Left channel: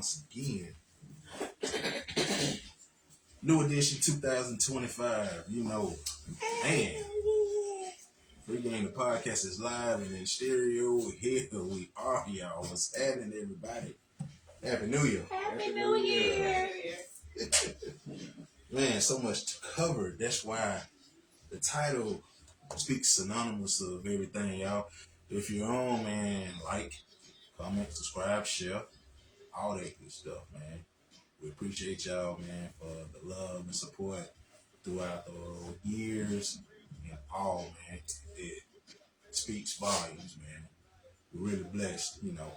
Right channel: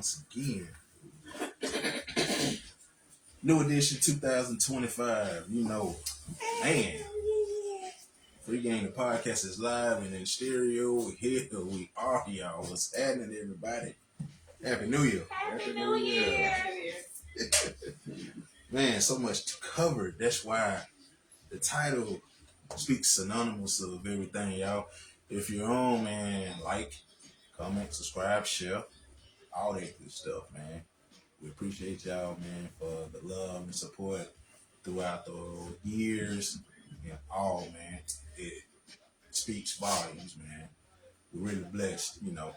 once again. New edition 2025. You know, man. Free Game the podcast is live and in stereo. Here we are, y'all. What's happening, everybody? Happy New Year. Happy New Year. Man, so much to cover. That's why the title speaks synonymous of everything, y'all. If you're on, man, like, comment, subscribe, share, all that good stuff, man. We appreciate y'all, man, for the love and support throughout the years and all, man. It speaks volumes, man. We're really blessed, you know.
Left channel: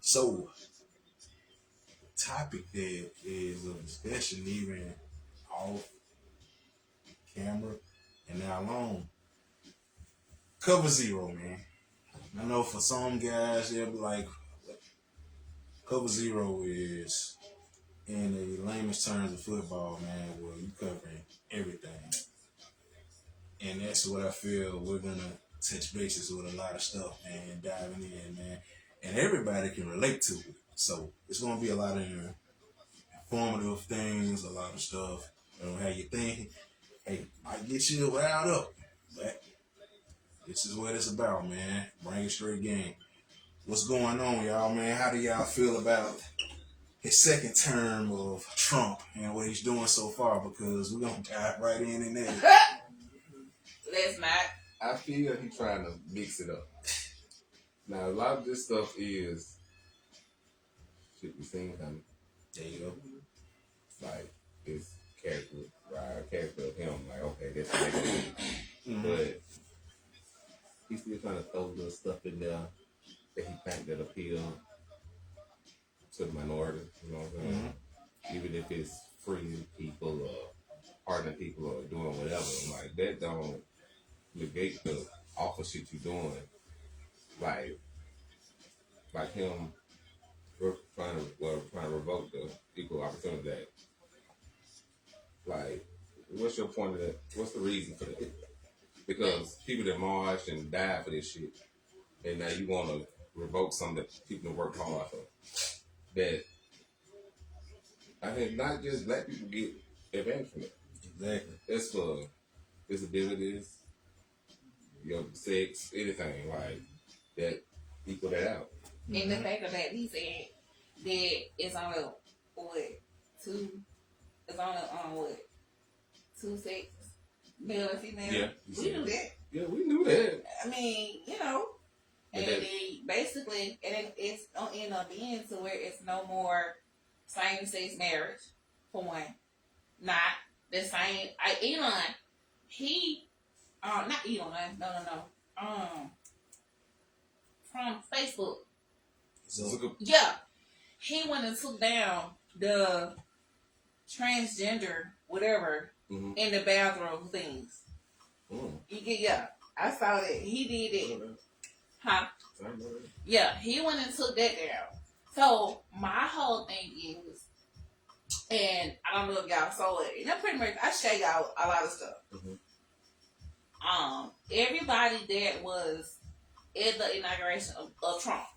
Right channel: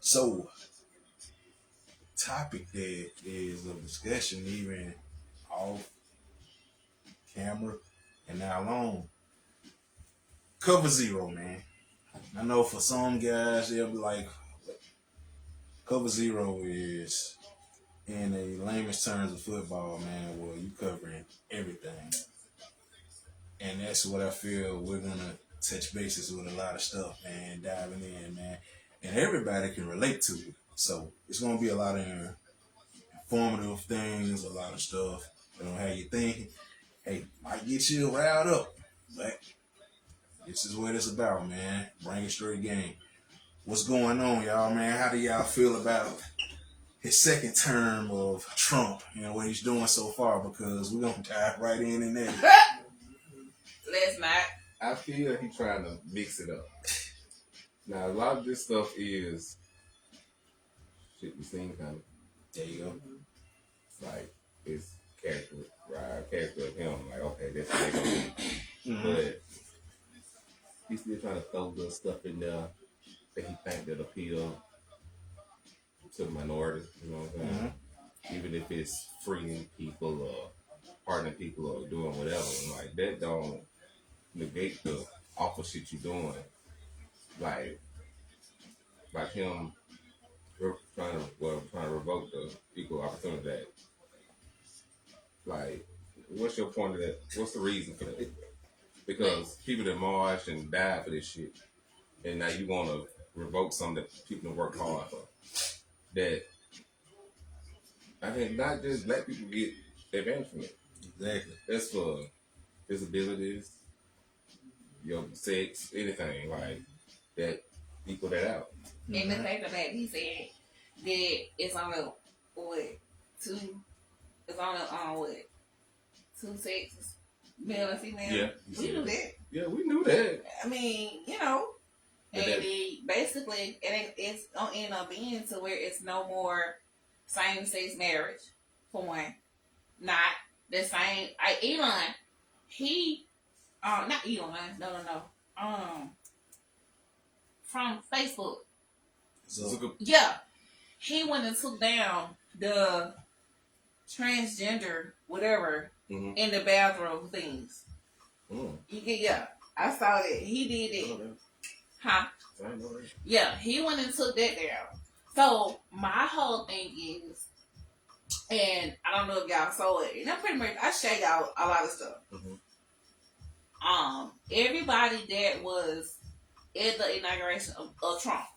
So, topic that is of discussion, even off camera and now on. Cover Zero, man. I know for some guys, they'll be like, Cover Zero is, in the layman's terms of football, man, well, you covering everything. And that's what I feel we're going to touch bases with a lot of stuff, man, diving in, man. And everybody can relate to it. So it's going to be a lot of informative things, a lot of stuff that don't have you thinking. Hey, might get you riled up, but this is what it's about, man. Bring it straight game. What's going on, y'all, man? How do y'all feel about his second term of Trump and what he's doing so far? Because we're going to dive right in there. Let's not. I feel he's trying to mix it up. Now, a lot of this stuff is shit we seen coming. There you go. Like, his character, right? Character of him, like, okay, that's what they're going to do. But he's still trying to throw the stuff in there that he think that appeal to the minority, you know what I'm saying? Even if it's freeing people or pardoning people or doing whatever, like, that don't negate the awful shit you're doing. Like him trying to revoke the Equal Opportunity Act. Like, what's your point of that? What's the reason for that? Because people that marched and died for this shit, and now you want to revoke something that people have worked hard for. That, I think not just black people get advantage from it. Exactly. That's for disabilities, your sex, anything like that. Equal that out. And the fact of that, he said that it's only two sexes, male and female. Yeah, we knew that. Yeah, we knew that. I mean, you know, and that, basically, it's gonna end up being to where it's no more same-sex marriage. For one, not the same. Elon, not Elon. No. From Facebook. Yeah. He went and took down the transgender whatever in the bathroom things. Yeah. I saw that. He did it. Huh? Yeah, he went and took that down. So my whole thing is, and I don't know if y'all saw it, and pretty much I show y'all a lot of stuff. Everybody that was at the inauguration of Trump,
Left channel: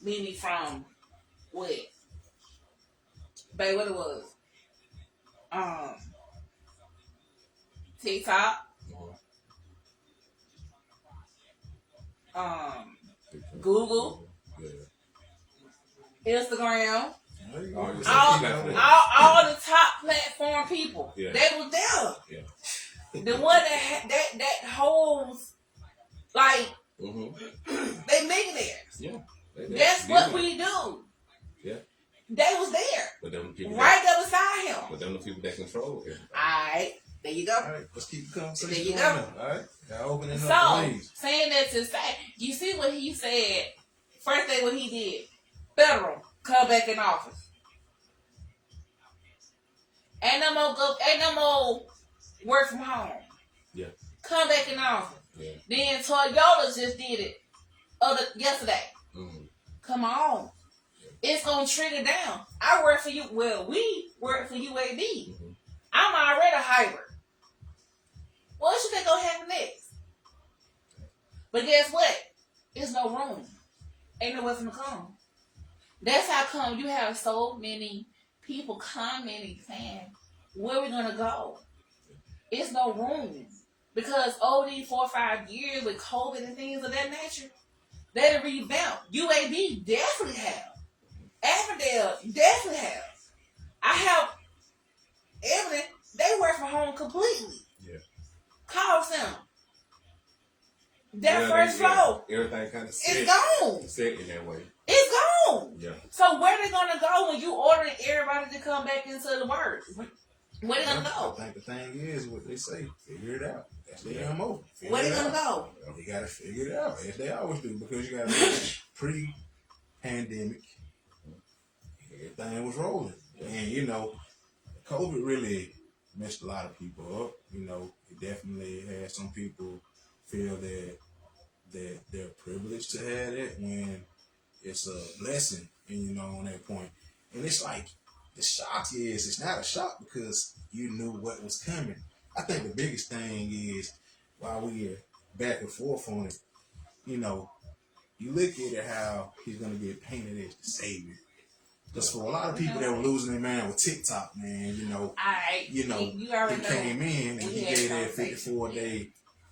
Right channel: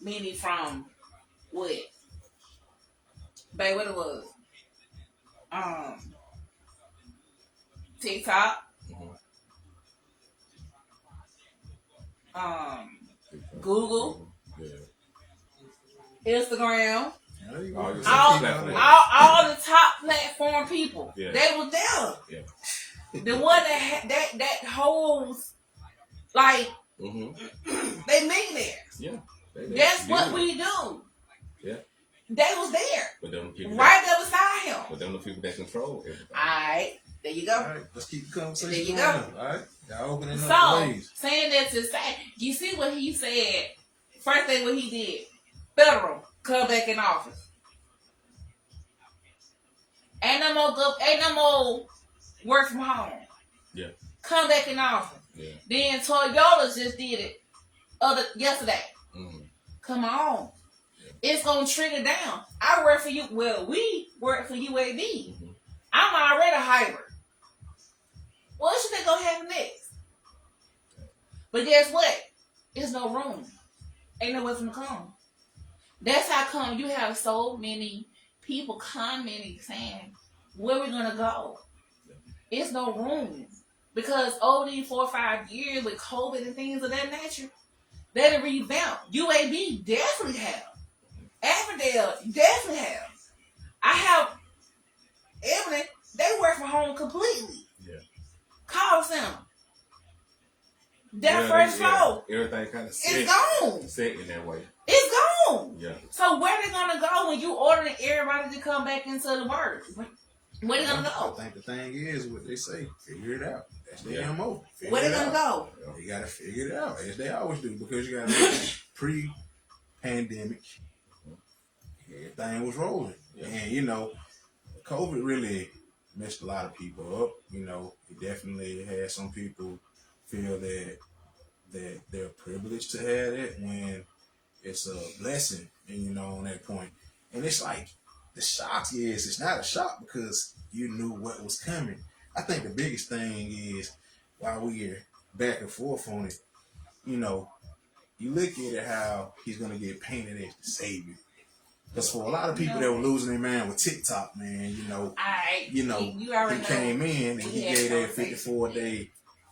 meaning from what? Babe, what it was? TikTok, Google, Instagram, all the top platform people, they were there. The one that holds, like, they millionaires. Yeah. That's what we do. Yeah. They was there. But them people right there beside him. But them the people that control him. Alright. There you go. Alright, let's keep the conversation there you going. Go. Alright. Y'all opening up the ways. Saying that to say, you see what he said, first thing what he did, federal, come back in office. Ain't no more work from home. Yeah. Come back in office. Yeah. Then Toyota just did it yesterday. Come on. It's going to trigger down. I work for you. Well, we work for UAB. I'm already a hybrid. What should they go happen next? But guess what? There's no room. Ain't nowhere for them to come. That's how come you have so many people commenting saying, where we gonna go? It's no room. Because over these 4 or 5 years with COVID and things of that nature, they revamped. UAB definitely have. Avondale definitely have. I have evidence they work from home completely. Yeah. Call center. That first floor. Everything kind of It's gone. set in that way. It's gone. Yeah. So where they gonna go when you ordering everybody to come back into the work? Where they gonna go? I think the thing is what they say, figure it out. That's the MO. Where they gonna go? They gotta figure it out, as they always do, because you gotta look at pre-pandemic. Everything was rolling. And you know, COVID really messed a lot of people up. You know, it definitely had some people feel that they're privileged to have it when it's a blessing, and you know, on that point. And it's like the shock is it's not a shock because you knew what was coming. I think the biggest thing is while we're back and forth on it, you know, you look at it how he's gonna get painted as the savior. Because for a lot of people that were losing their man with TikTok, man, you know, he came in and he gave that 54-day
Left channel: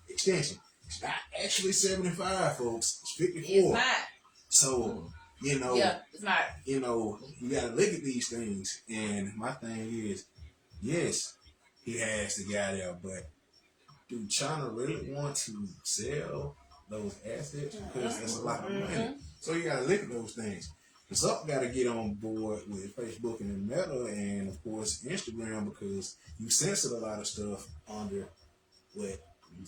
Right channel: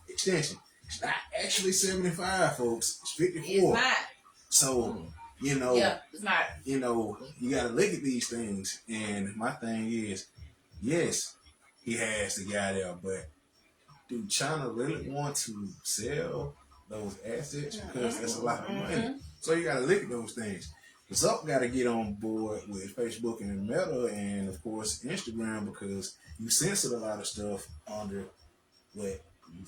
extension. It's not actually 75, folks. It's 54. It's not. So, you know, it's not. You know, you gotta look at these things. And my thing is, yes, he has the guy there, but do China really want to sell those assets? Because that's a lot of money. So you gotta look at those things. Zuck got to get on board with Facebook and Meta and, of course, Instagram, because you censor a lot of stuff under what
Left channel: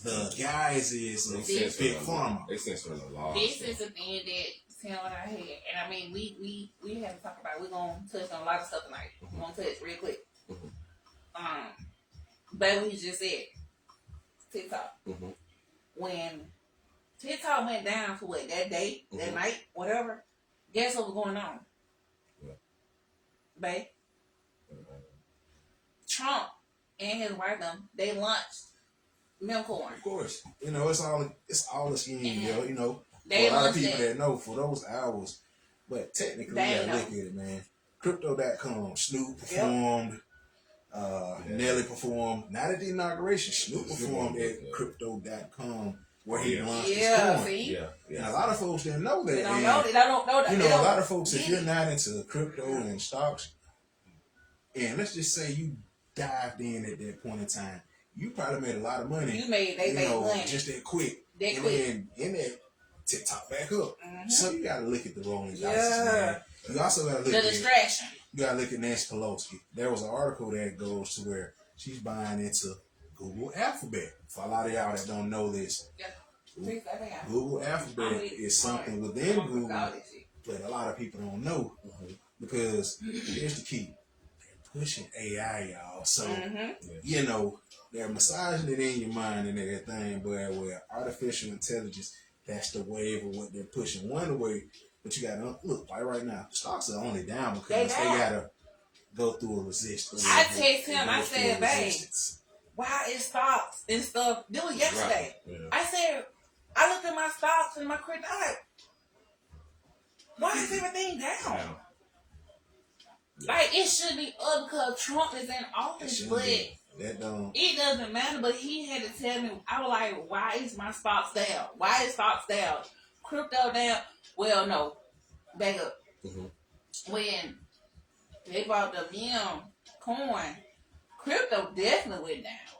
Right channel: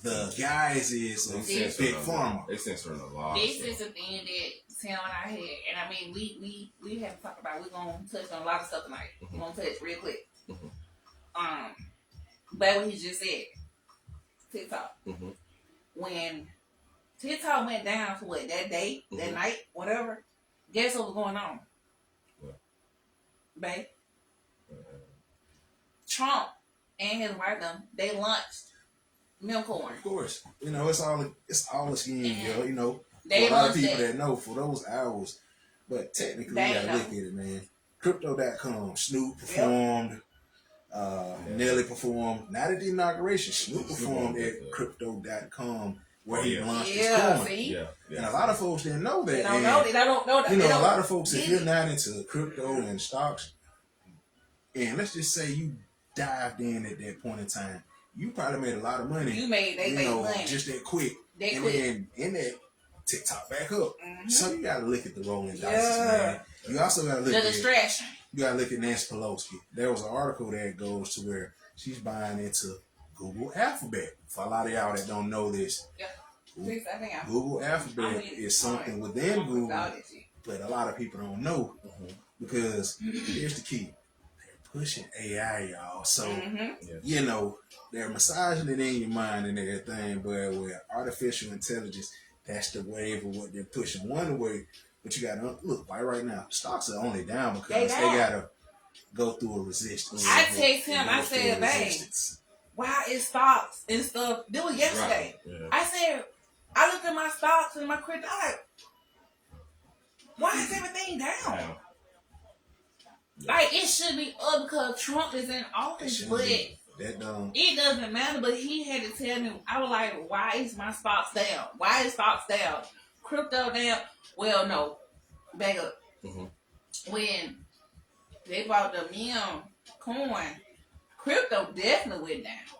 the guise is of Big Pharma. They censoring a lot. This is the thing that sound what I had, and I mean, we have to talk about. We're gonna touch on a lot of stuff tonight. We're gonna touch real quick. But what he just said, TikTok. When TikTok went down for what, that day, that night, whatever. Guess what was going on? Babe? Trump and his wife, they launched Milcorn. Of course. You know, it's all a scheme, you know. They for a lot of people that know for those hours. But technically, you gotta look at it, man. Crypto.com, Snoop performed, Nelly performed, not at the inauguration, Snoop performed at Crypto.com. Where he launched his coin. And a lot of folks didn't know that. They don't know that. You know, a lot of folks, if you're not into crypto and stocks, and let's just say you dived in at that point in time, you probably made a lot of money. They made money. Just that quick. Then in that TikTok back up. So you gotta look at the rolling dice, man. You also gotta look at you gotta look at Nancy Pelosi. There was an article that goes to where she's buying into Google Alphabet. For a lot of y'all that don't know this, Google Alphabet is something within Google, but a lot of people don't know because here's the key: they're pushing AI, y'all. So you know they're massaging it in your mind and everything, but with artificial intelligence, that's the wave of what they're pushing one way. But you gotta look right now. Stocks are only down because they gotta go through a resistance. I text him. I said, "Hey, why is stocks and stuff?" This was yesterday. I said, I looked at my stocks and my crypto. Why is everything down? Like, it should be up because Trump is in office, but it doesn't matter. But he had to tell me. I was like, why is my stocks down? Why is stocks down? Crypto down? Well, no. Back up. When they bought the meme coin, crypto definitely went down.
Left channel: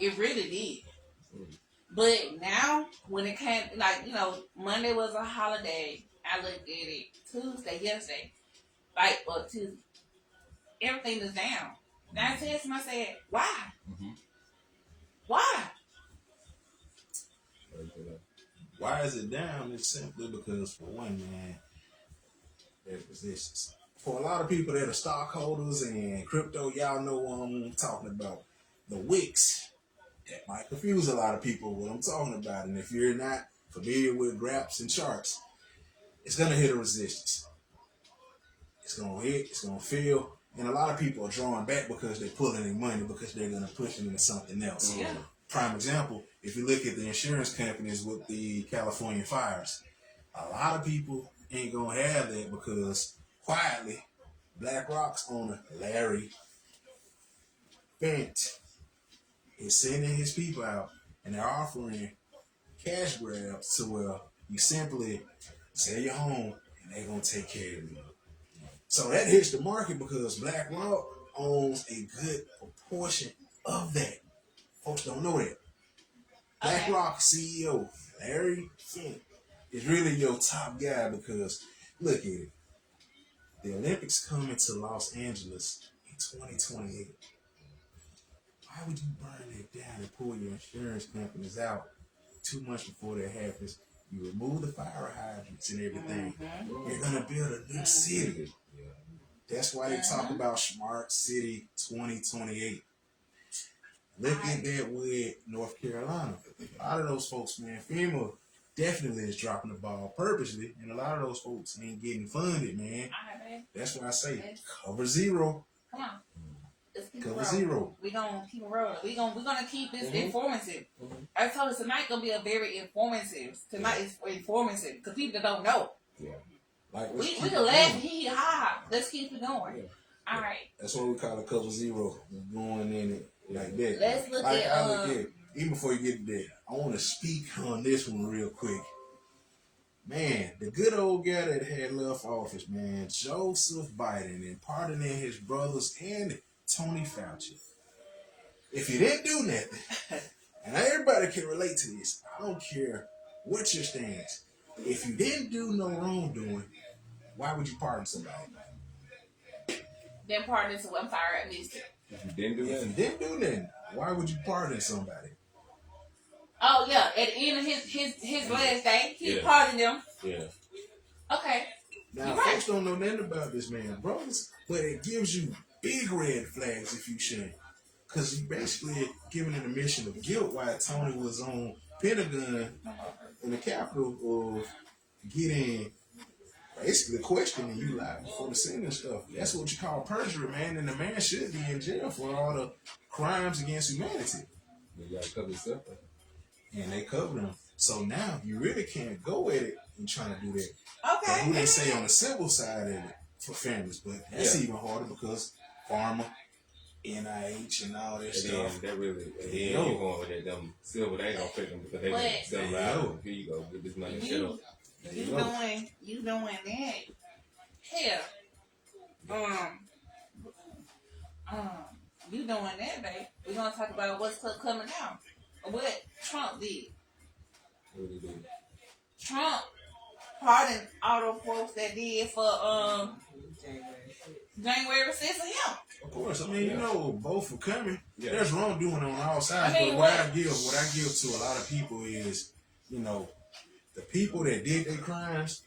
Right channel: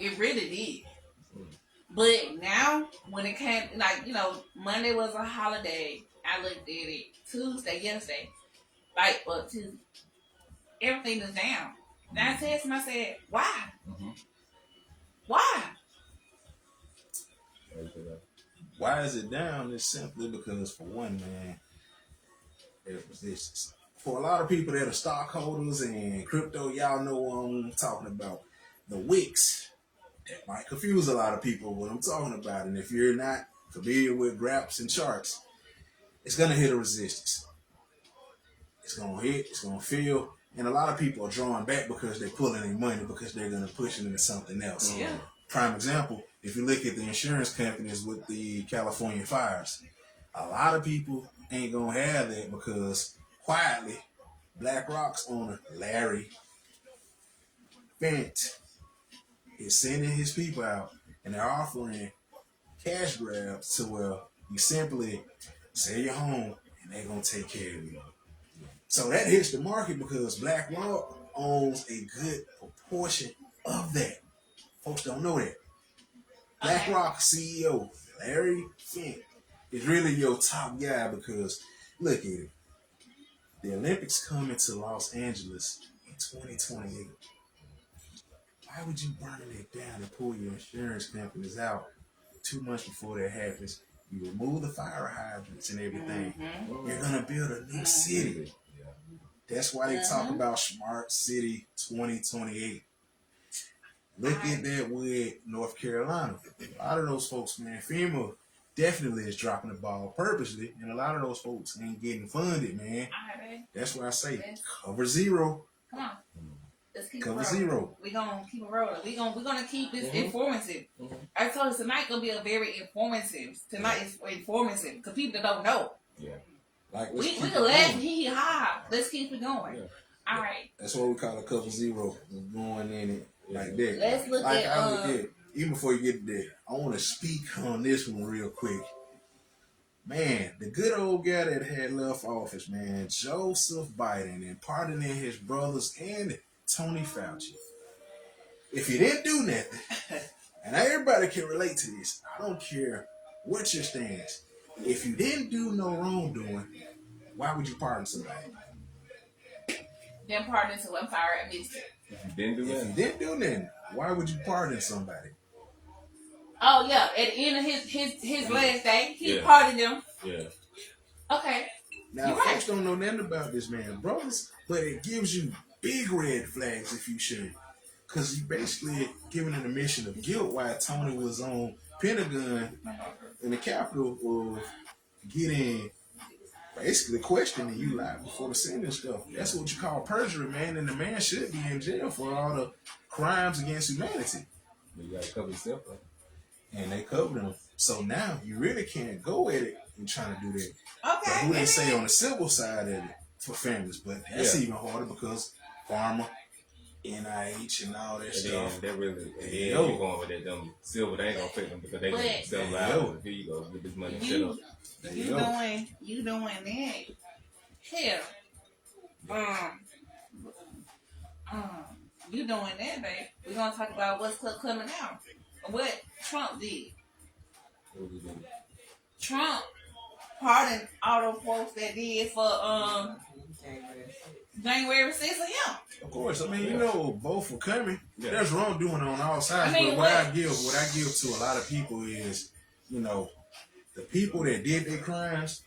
It really did. But now, when it came, like, you know, Monday was a holiday. I looked at it. Tuesday, yesterday. Like, Tuesday. Everything is down. And I said to him, I said, why? Why? Why is it down? It's simply because, for one, man, there's resistance. For a lot of people that are stockholders and crypto, y'all know what I'm talking about. The wicks. That might confuse a lot of people what I'm talking about. And if you're not familiar with graphs and charts, it's going to hit a resistance. It's going to hit, it's going to feel. And a lot of people are drawing back because they're pulling their money because they're going to push it into something else. Prime example, if you look at the insurance companies with the California fires, A lot of people ain't gonna have that because quietly, BlackRock's owner Larry Fint is sending his people out and they're offering cash grabs to where you simply sell your home and they're gonna take care of you. So that hits the market because BlackRock owns a good proportion of that. Folks don't know that. BlackRock CEO Larry Fink is really your top guy because look at it. The Olympics coming to Los Angeles in 2028. Why would you burn it down and pull your insurance companies out 2 months before that happens? You remove the fire hydrants and everything. You're gonna build a new city. That's why they talk about Smart City 2028. Look at that with North Carolina. A lot of those folks, man, FEMA definitely is dropping the ball purposely, and a lot of those folks ain't getting funded, man. That's why I say cover zero. Come on. Let's keep Cover it zero. We're gonna keep it rolling. We're gonna keep this informative. I told us tonight gonna be a very informative. Tonight is informative because people don't know. Yeah. Like We can laugh, hee ha. Let's keep it going. Yeah. All right. That's what we call a cover zero. Going in it like that. Let's look like at. I look at even before you get there. I want to speak on this one real quick. Man, the good old guy that had left office, man, Joseph Biden, and pardoning his brothers and Tony Fauci. If he didn't do nothing, and everybody can relate to this, I don't care what your stance. If you didn't do no wrongdoing, why would you pardon somebody? Then pardon to I'm sorry, I missed it. If you didn't do If that, you didn't do nothing, why would you pardon somebody? Oh yeah, at the end of his last day, he Yeah. pardoned them. yeah. Okay. Now, You're right. folks don't know nothing about this man, brothers, but it gives you big red flags if you should. Because you basically giving an admission of guilt while Tony was on Pentagon in the Capitol of getting basically questioning you live before the Senate and stuff. That's what you call perjury, man, and the man should be in jail for all the crimes against humanity. You gotta cover yourself up. And they covered him. So now you really can't go at it and trying to do that. But Okay. who they say on the civil side of it for families, but that's even harder because pharma, NIH, and all that And stuff. then that really, Hey, you yo. going with that, them silver, they ain't gonna fit them because they But- gonna sell them Hey, out. yo. Here you go, with this money. You There you you go. doing that. Hell. You doing that, babe. We're gonna talk about what's coming out. What Trump did. What do you do? Trump pardoned all those folks that did for January 6th of him. Of course, I mean, you know, both were coming. Yeah. There's wrongdoing on all sides. I mean, but what I give to a lot of people is, you know, the people that did their crimes,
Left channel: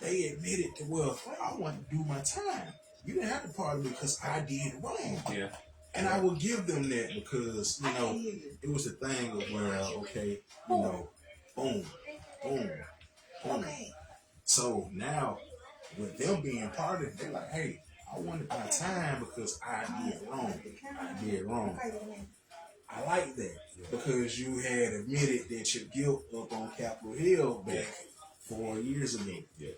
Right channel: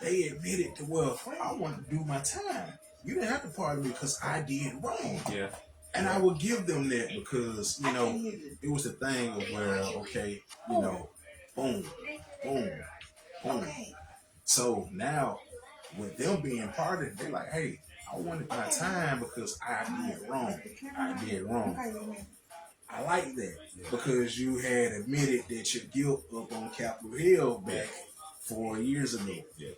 they admitted to, well, I want to do my time. You didn't have to pardon me because I did wrong. Yeah. And I will give them that because, you know, it was a thing of where, okay, you know, boom, boom, boom. Okay. So now, with them being pardoned, they're like, hey, I wanted my time because I did wrong. I did wrong. I like that because you had admitted that your guilt up on Capitol Hill back 4 years ago. Yeah.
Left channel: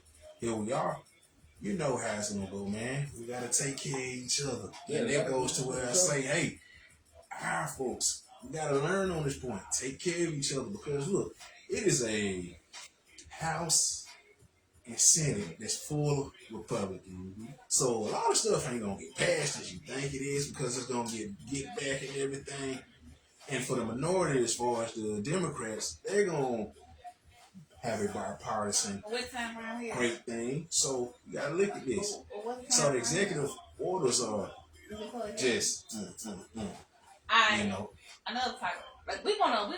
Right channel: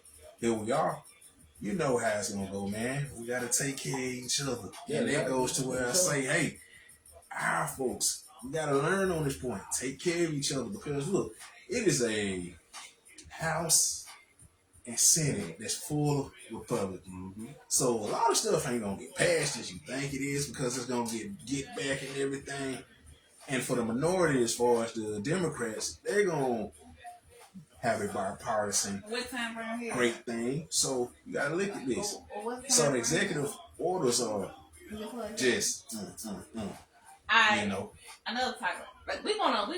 Here we are. You know how it's gonna go, man. We gotta take care of each other. Yeah, And that yeah. goes to where I say, hey, our folks, we gotta learn on this point. Take care of each other because look, it is a House and Senate that's full of Republicans. Mm-hmm. So a lot of stuff ain't gonna get passed as you think it is because it's gonna get back and everything. And for the minority, as far as the Democrats, they're gonna have a bipartisan What time around here? great thing. So you gotta look at this. What time So the around executive orders are here? just, Alright, you know. another title. Like we're gonna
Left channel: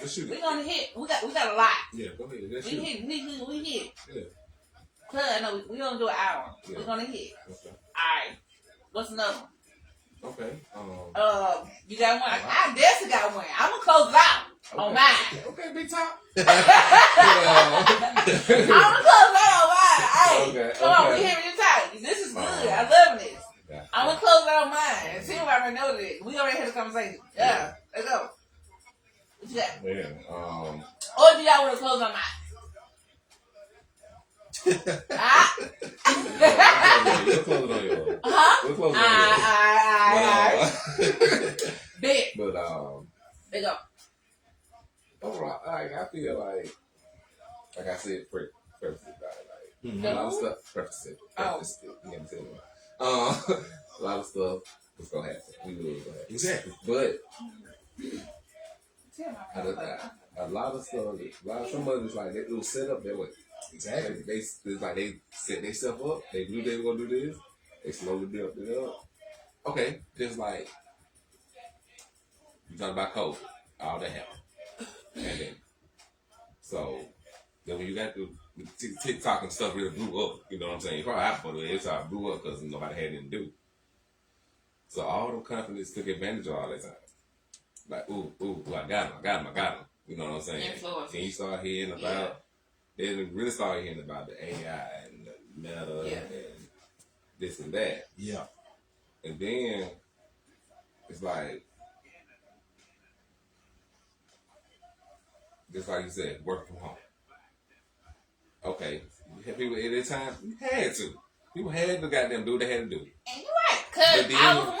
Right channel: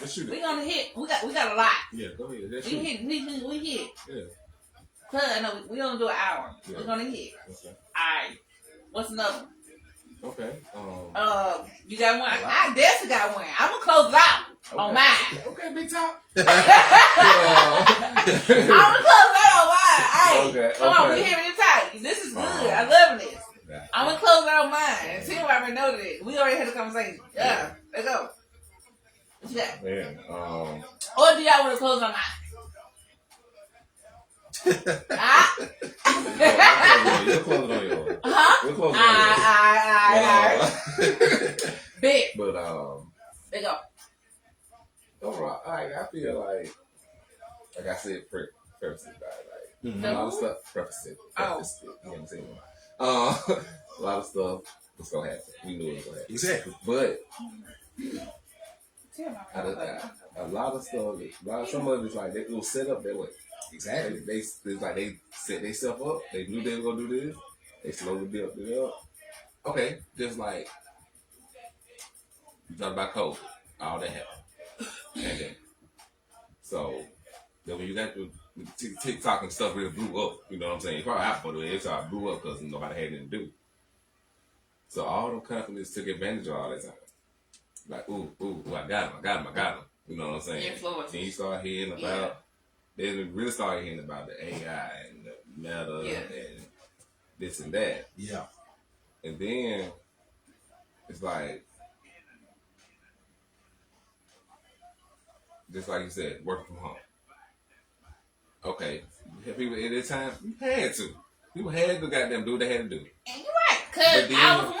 Let's shoot we're it. gonna hit. We got a lot. Yeah, go ahead. Let's We shoot it. hit. We hit. Yeah. Cause I know we gonna do an hour. Yeah. We're gonna hit. Okay. Alright. What's another one? Okay. You got one? I definitely got one. I'm gonna close it out on mine. Okay, big top. I'm gonna close it out on mine. Hey, Okay, come on, okay. we hearing it tight. This is good. I love this. I'm gonna close it out on mine. And Tim already know this. We already had a conversation. Yeah, let's go. What you got? Man, Or do y'all want to close on mine? You're closing on yours. Huh? We're closing on yours. Big. But Big up. overall, I feel like I said, preface it, Mhm. a lot of stuff. Preface it. Oh. Preface it. You know what I'm saying? A lot of stuff was gonna happen. We knew it was gonna happen. Exactly. But a lot of stuff, some of it's like it was set up that way. Exactly. It's like they set themselves up. They knew they were gonna do this. They slowly built it up. Okay, just like you talked about COVID, all that happened. Okay. So then when you got the TikTok and stuff really blew up, you know what I'm saying? Probably after it started blew up because nobody had anything to do. So all them companies took advantage of all that time. Like, ooh, I got him. You know what I'm saying? Influence. Then you start hearing about, then we really started hearing about the AI and the meta and this and that. Yeah. And then it's like, just like you said, work from home. Okay, people at that time had to. People had to goddamn do what they had to do. And you're right, because I was one.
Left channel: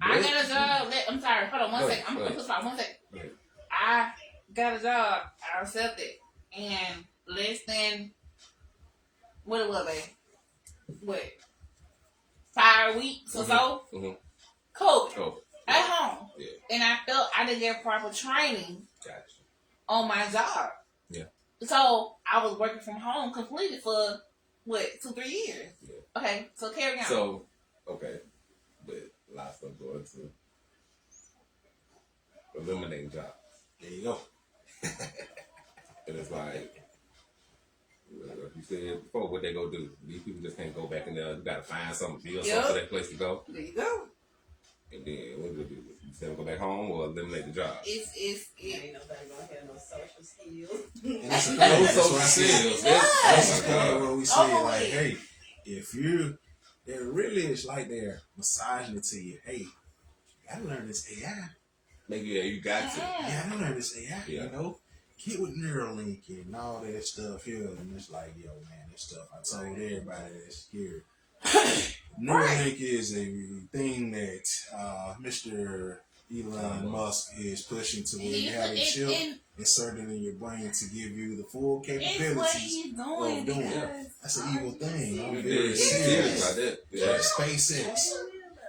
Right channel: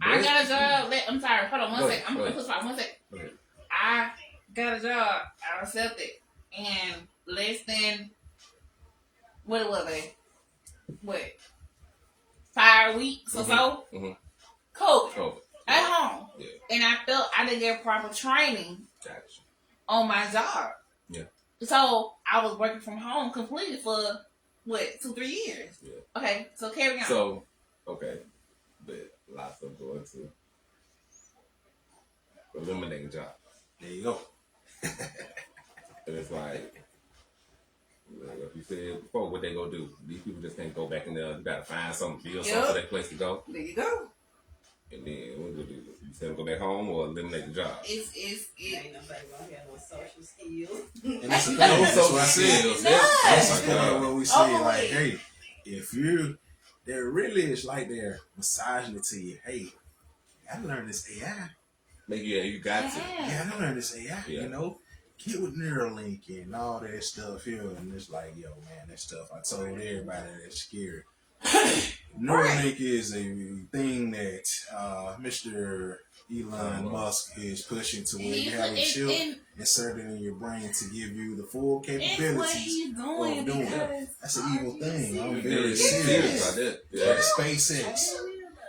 I got a job. I'm sorry, hold on one second. I'm going to put one second. I got a job. I accepted. And less than, what was it? What? 5 weeks or so? Mm-hmm. Cool. Oh, At home. yeah. And I felt I didn't get proper training Gotcha. on my job. Yeah. So I was working from home completely for, what, 2-3 years? Yeah. Okay, so carry on. So, okay. But lots of going to eliminating jobs. There you go. And it's like you said before, what they gonna do? These people just can't go back in there. You gotta find something, build something for that place to go. There you go. And then what do? You say go back home or eliminate the job? It's Ain't nobody gonna have no social skills. And that's No that's social what I skills. said. That's That's what we say. Like, hey, if they're really, it's like they're massaging it to you. Hey, you gotta learn this AI. Like, yeah, you got to. You gotta learn this AI. Yeah. You know, get with Neuralink and all that stuff here. And it's like, yo, man, that stuff I told everybody that's scary. Neuralink is a thing that Mr. Elon Musk is pushing to where you have a chip inserted in your brain to give you the full it's what capabilities he's of doing doing it. because That's an evil thing. I'm You very get serious. about that. Yeah, Yeah. SpaceX.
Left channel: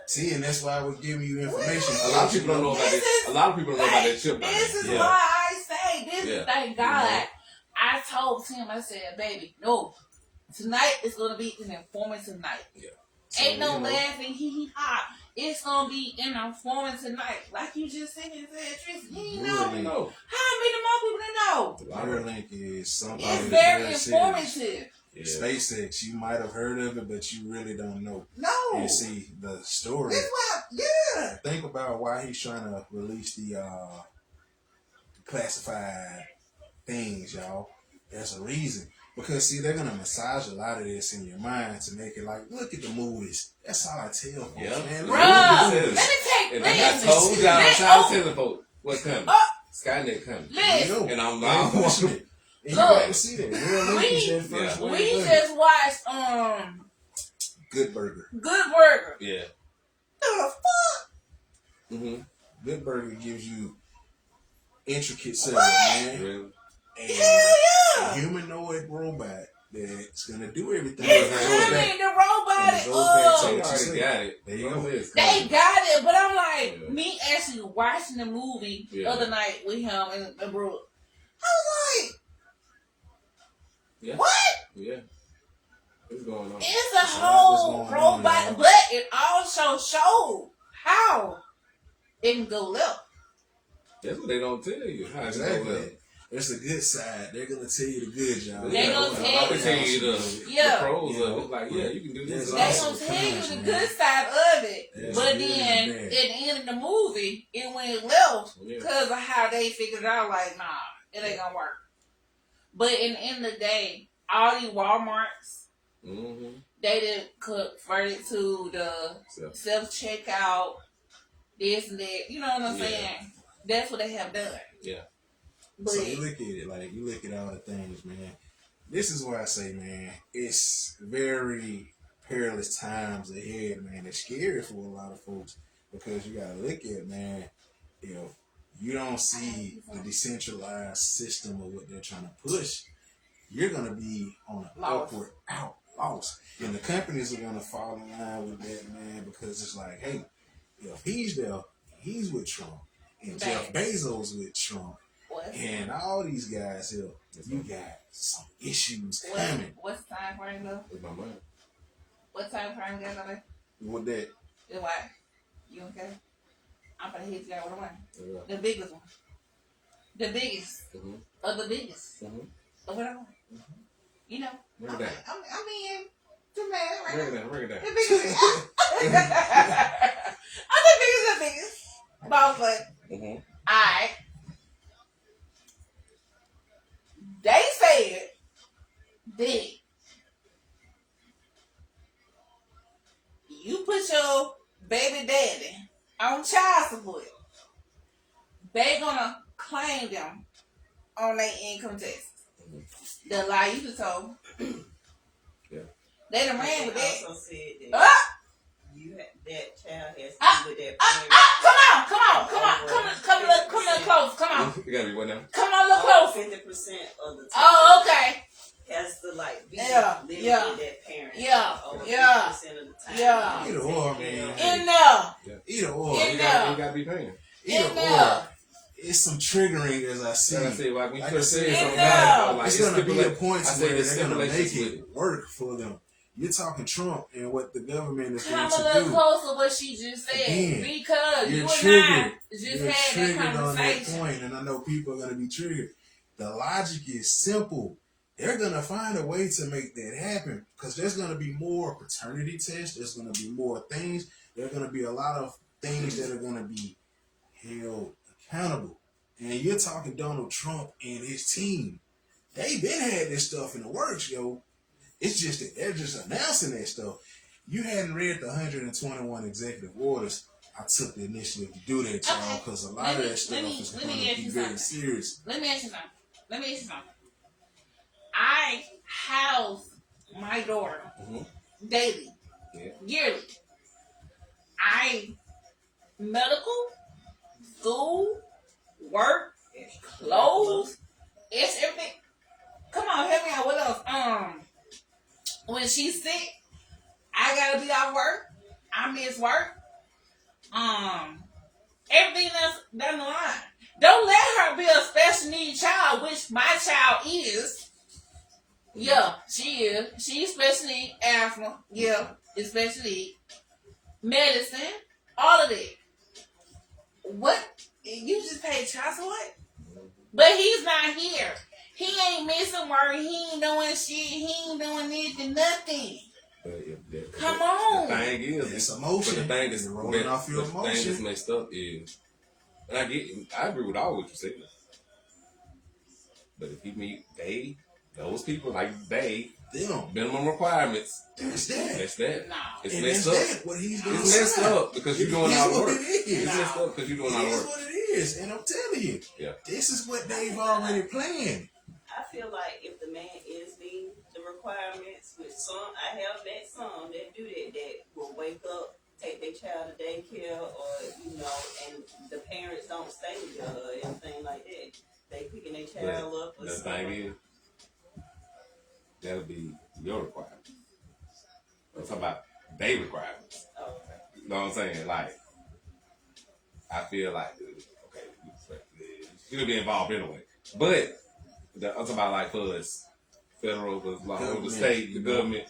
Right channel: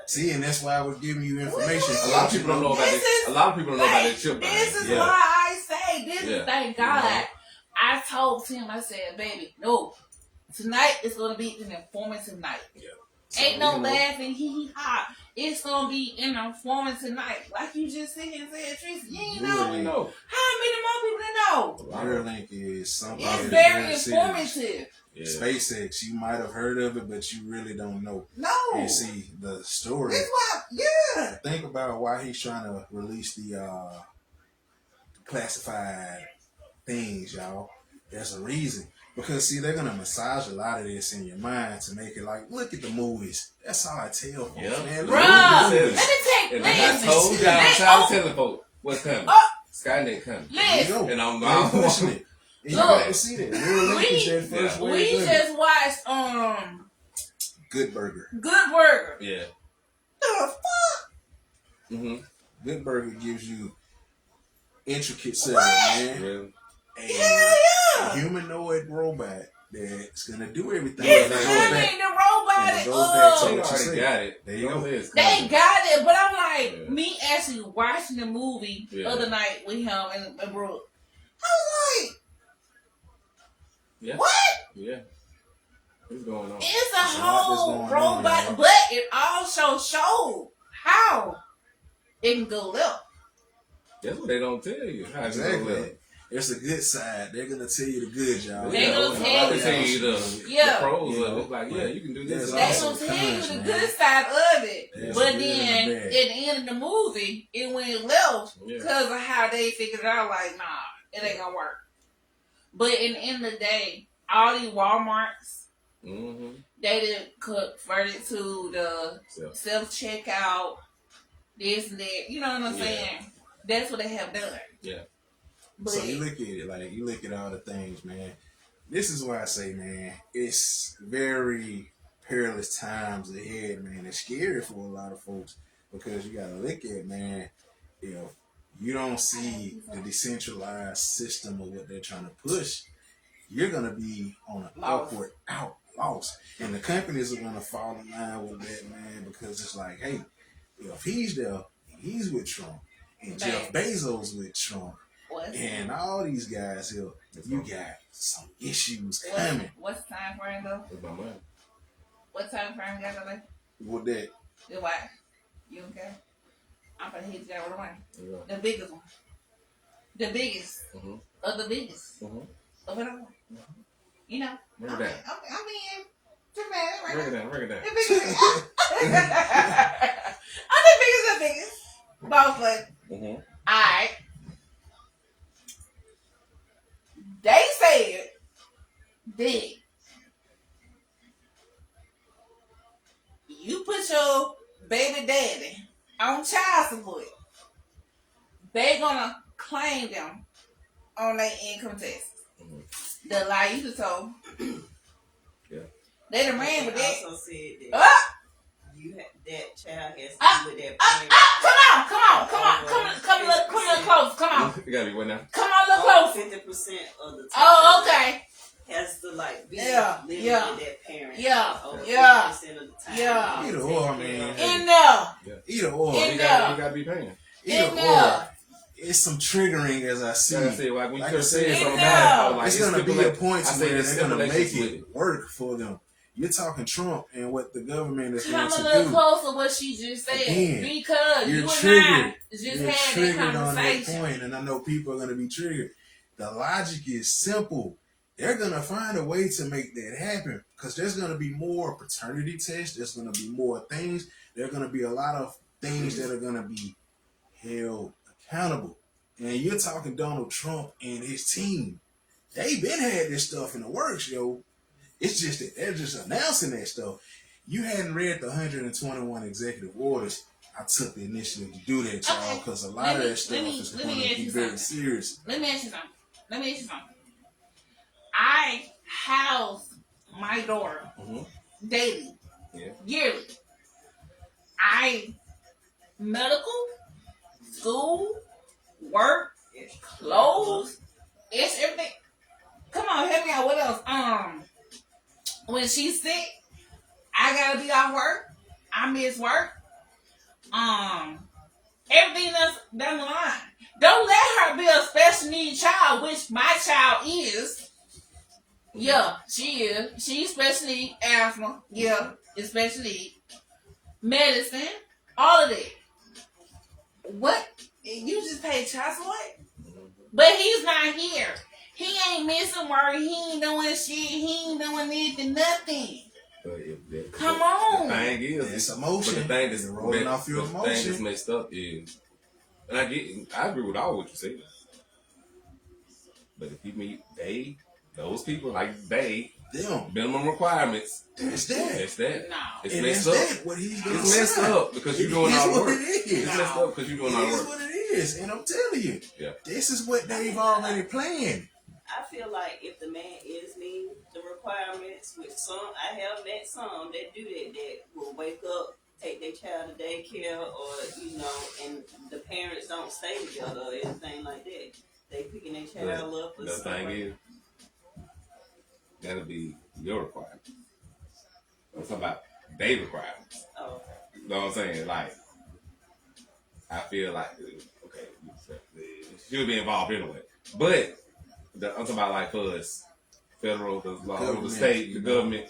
See, and that's why I was giving you information. A lot of people don't know about that. A lot of people don't know about that chip. This is Yeah. why I say this Yeah. is thank God. I told him, I said, baby, no. Tonight is gonna be an informative night. So, Ain't no you know, laughing, hee ha. It's gonna be an informative night. Like you just said and said, Tristan, you ain't know. Really? No. How many more people know? Neuralink is something It's that's very serious. informative. Yeah. SpaceX, you might have heard of it, but you really don't know. No. And see, the story, That's why, yeah. think about why he's trying to release the classified things, y'all. There's a reason. Because, see, they're going to massage a lot of this in your mind to make it like, look at the movies. That's all I tell folks, Yeah. man. Look Bruh, at the let me movies. take, If let I me told just, y'all, let, I was telling folks what's coming. Skynet coming. There you go. listen, And I'm And gone. pushing it. And you Look, got to see it. Neuralink is their first yeah. way we of doing it. just watched, Good Burger. Good Burger. Yeah. The fuck? Mm-hmm. Good Burger gives you intricate cells, What? man. Really? And Hell yeah. a humanoid robot that's gonna do everything. It's And it goes coming, back. the robot. And it goes back So to you what you already said. got it. There you Know go. this. They got it, but I'm like, Yeah. me actually watching the movie the Yeah. other night with him and Brooke. I was like, Yeah. what? Yeah. What's going on? It's a There's a lot that's whole going on, robot, y'all. but it also showed how it can go left. That's what they don't tell you. How to go Exactly. with. It's the good side. They're gonna tell you the good, y'all. They gonna tell They tell you you. the Yeah. pros Yeah. of it. Like, yeah, you can do this. There's They also gonna tell you cons, the man. good side of it. There's But good then and at bad. the end of the movie, it went left Yeah. because of how they figured out, like, nah, it ain't gonna work. But in the end of the day, all these Walmarts, Mm-hmm. they did convert it to the So, self-checkout, this and that. You know what I'm Yeah. saying? That's what they have done. yeah. But So you look at it like you look at all the things, man. this is why I say, man, it's very perilous times ahead, man. It's scary for a lot of folks because you gotta look at, man, if you don't see the decentralized system of what they're trying to push, you're gonna be on an upward loss. And the companies are gonna fall in line with that, man, because it's like, hey, if he's there, he's with Trump. And Jeff Bezos with Trump. And all these guys here, you got some issues coming. What's the time frame though? With my money. What time frame you got there? With that, You what? You okay? I'm gonna hit you down with one. Yeah. The biggest one. The biggest. Of the biggest. Of it all. You know? Break I'm it down. being too bad right Break it now. down. Break it down. The biggest. I'm the biggest. Both like, alright. They said that you put your baby daddy on child support, they gonna claim them on their income taxes. The lie you just told. Yeah. They done ran with that. Also said that you that child has to do with that parent. Come a little close. Come on. You gotta be what now? Come on a little close. 50% of the time. Oh, okay. Has to like be Yeah, living yeah. with that parent. Yeah, over yeah, 50% of the time. yeah. Either or, man. In there. Either or. In You there. gotta be paying. Either In or. there. It's some triggering as I see. Like I said, when you Like I could said, say In it, there. It's gonna be a point I to say where the they're gonna make simulation it work for them. You're talking Trump and what the government is Come going a to little do. closer what she just said. Again, Because You're you and I triggered. just You're had triggered that on that conversation. point, and I know people are gonna be triggered. The logic is simple. They're gonna find a way to make that happen because there's gonna be more paternity tests. There's gonna be more things. There's gonna be a lot of things that are gonna be held accountable. And you're talking Donald Trump and his team. They been had this stuff in the works, yo. It's just that they're just announcing that stuff. You hadn't read the 121 executive orders. I took the initiative to do that, y'all, Okay. because a lot of that stuff is let going me to ask be you very something. serious. Let me ask you something. I house my daughter daily, yearly. Medical, school, work, clothes, it's everything. Come on, help me out. What else? When she's sick, I gotta be off work. I miss work. Everything else down the line. Don't let her be a special needs child, which my child is. Yeah, she is. She's special need, asthma. Yeah, it's special need. Medicine, all of that. What? You just pay child support? But he's not here. He ain't missing work. He ain't doing shit. He ain't doing anything, nothing. Come on. The thing is, It's emotion. the thing that's You're rolling off your the thing that's emotion. messed up is, and I agree with all what you said. But if you meet those people like Them. minimum requirements, That's that. that's that. No. It's And messed that's up. that. What he's doing. It's messed up because you're doing It is all the what work. it is. It's messed up because you're doing all It the is work. what it is. And I'm telling you, Yeah. this is what they've already planned. I feel like if the man is meeting the requirements, with some, I have met some that do that will wake up, take their child to daycare, or and the parents don't stay together or anything like that. They picking their child up or The something. thing is, that'll be your requirement. I'm talking about their requirements. Oh, You know what I'm saying? Like, I feel like, okay, it should be involved anyway. But I'm talking about like for us, federal, the law, the Government, state, the government.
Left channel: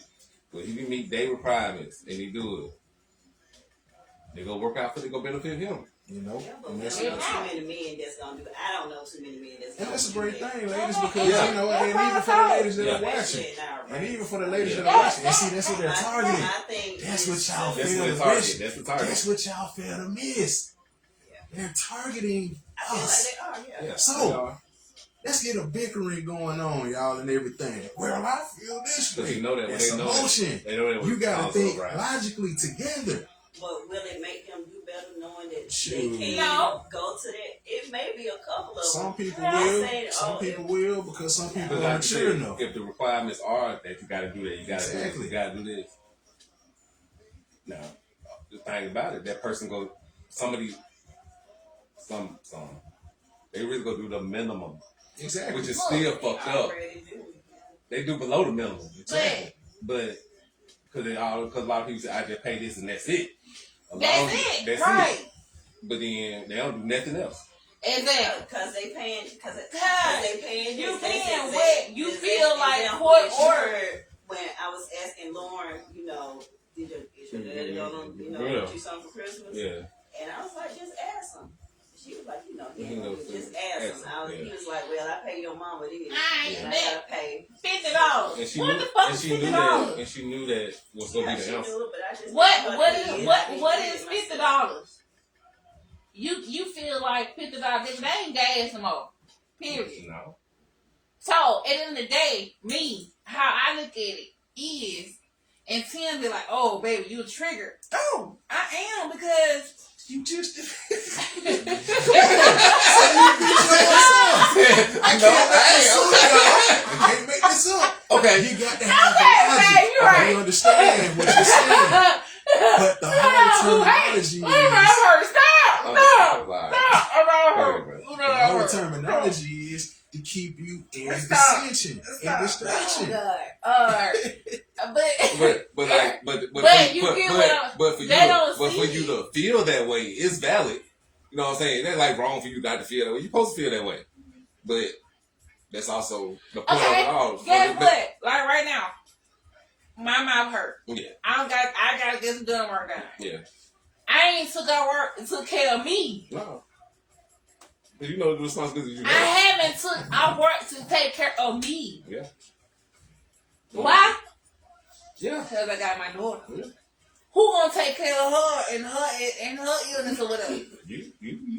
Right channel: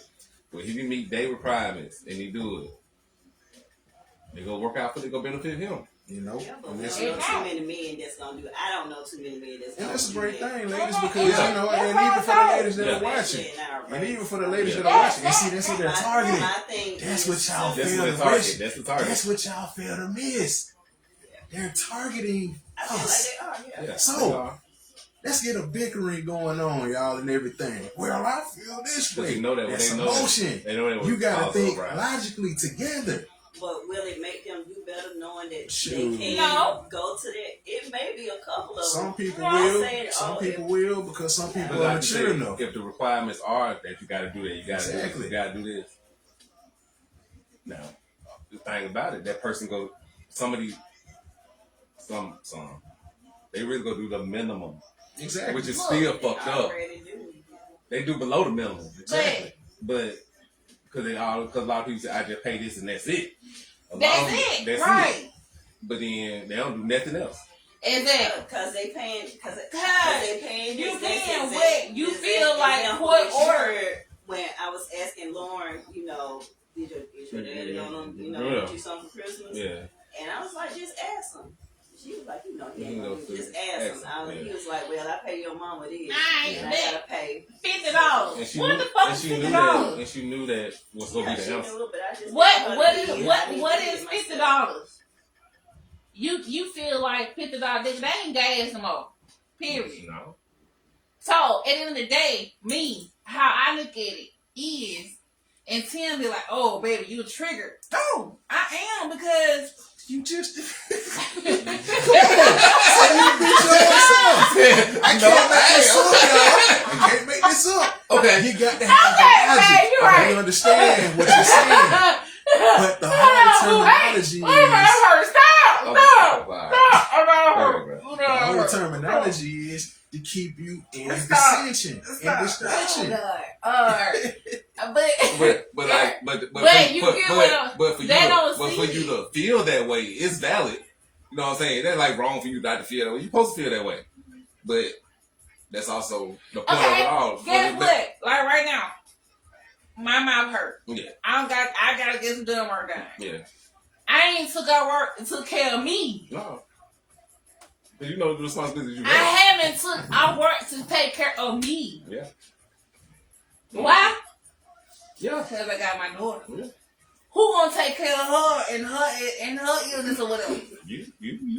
Well, he can meet their requirements and he do it. They go work out for it, go benefit him. You know? yeah, but And we that's, don't know too many men that's gonna do it. I don't know too many men that's and gonna that's a do great that. thing, ladies, because, Yeah. you know, and even for the ladies that are Especially watching. in our And race. even for the ladies that Yeah. are watching. And see, that's what they're My targeting. thing That's is- what y'all That's fail the to target. miss. That's the target. That's what y'all fail to miss. They're targeting I feel us. like they are, yeah. Yeah. So, let's get a bickering going on, y'all, and everything. Well, I feel this But way. you know that when That's they know emotion. They know that You gotta also, think right? logically together. But will it make them do better knowing that Shoot. they can No. go to that. It may be a couple of Some them. people I'm will. saying, Some oh, people will because some people But are like you mature said, enough. if the requirements are that you got to do that, you got to do Exactly. this, you got to do this. Now, the thing about it, that person go, some, they really go do the minimum, Exactly. which is Look, still fucked up. already do. They do below the minimum, Exactly. but because a lot of people say I just pay this and that's it. That's it, That's right? But then they don't do nothing else. Exactly. Because they paying. Because Cause they paying. you this, being that's wet, you this, feel like example, court what you order. heard When I was asking Lauren, is your daddy gonna, get you something for Christmas? Yeah. And I was like, just ask him. She was like, just ask ask him. He was like, well, I pay your mama this, I ain't and I bet. gotta pay. $50. And she What knew, the fuck and is she knew $50? that, and she knew that was gonna Yeah, be she the knew answer. it, but I just What is $50? You feel like $50, nigga, that ain't gas no more. Period. No. So at the end of the day, me, how I look at it is, and Tim be like, "Oh, baby, you triggered." No, I am because You just I you bitch yourself. I can't make this up. Okay. You got to have the logic. babe, you're right. I understand what you're saying. But the whole terminology the whole terminology is to keep you in dissension, in distraction. But for they don't see you to feel that way, it's valid. You know what I'm saying? That's like wrong for you not to feel that way. You're supposed to feel that way, but that's also the point of it all. Guess what? Like right now, my mouth hurt. Yeah. I gotta get some done work done. Yeah. I ain't took care of me. No. You know the responsibility you I have. I work to take care of me. Yeah. Why? Yeah. Because I got my daughter. Yeah. Who gonna take care of her and her illness or whatever? You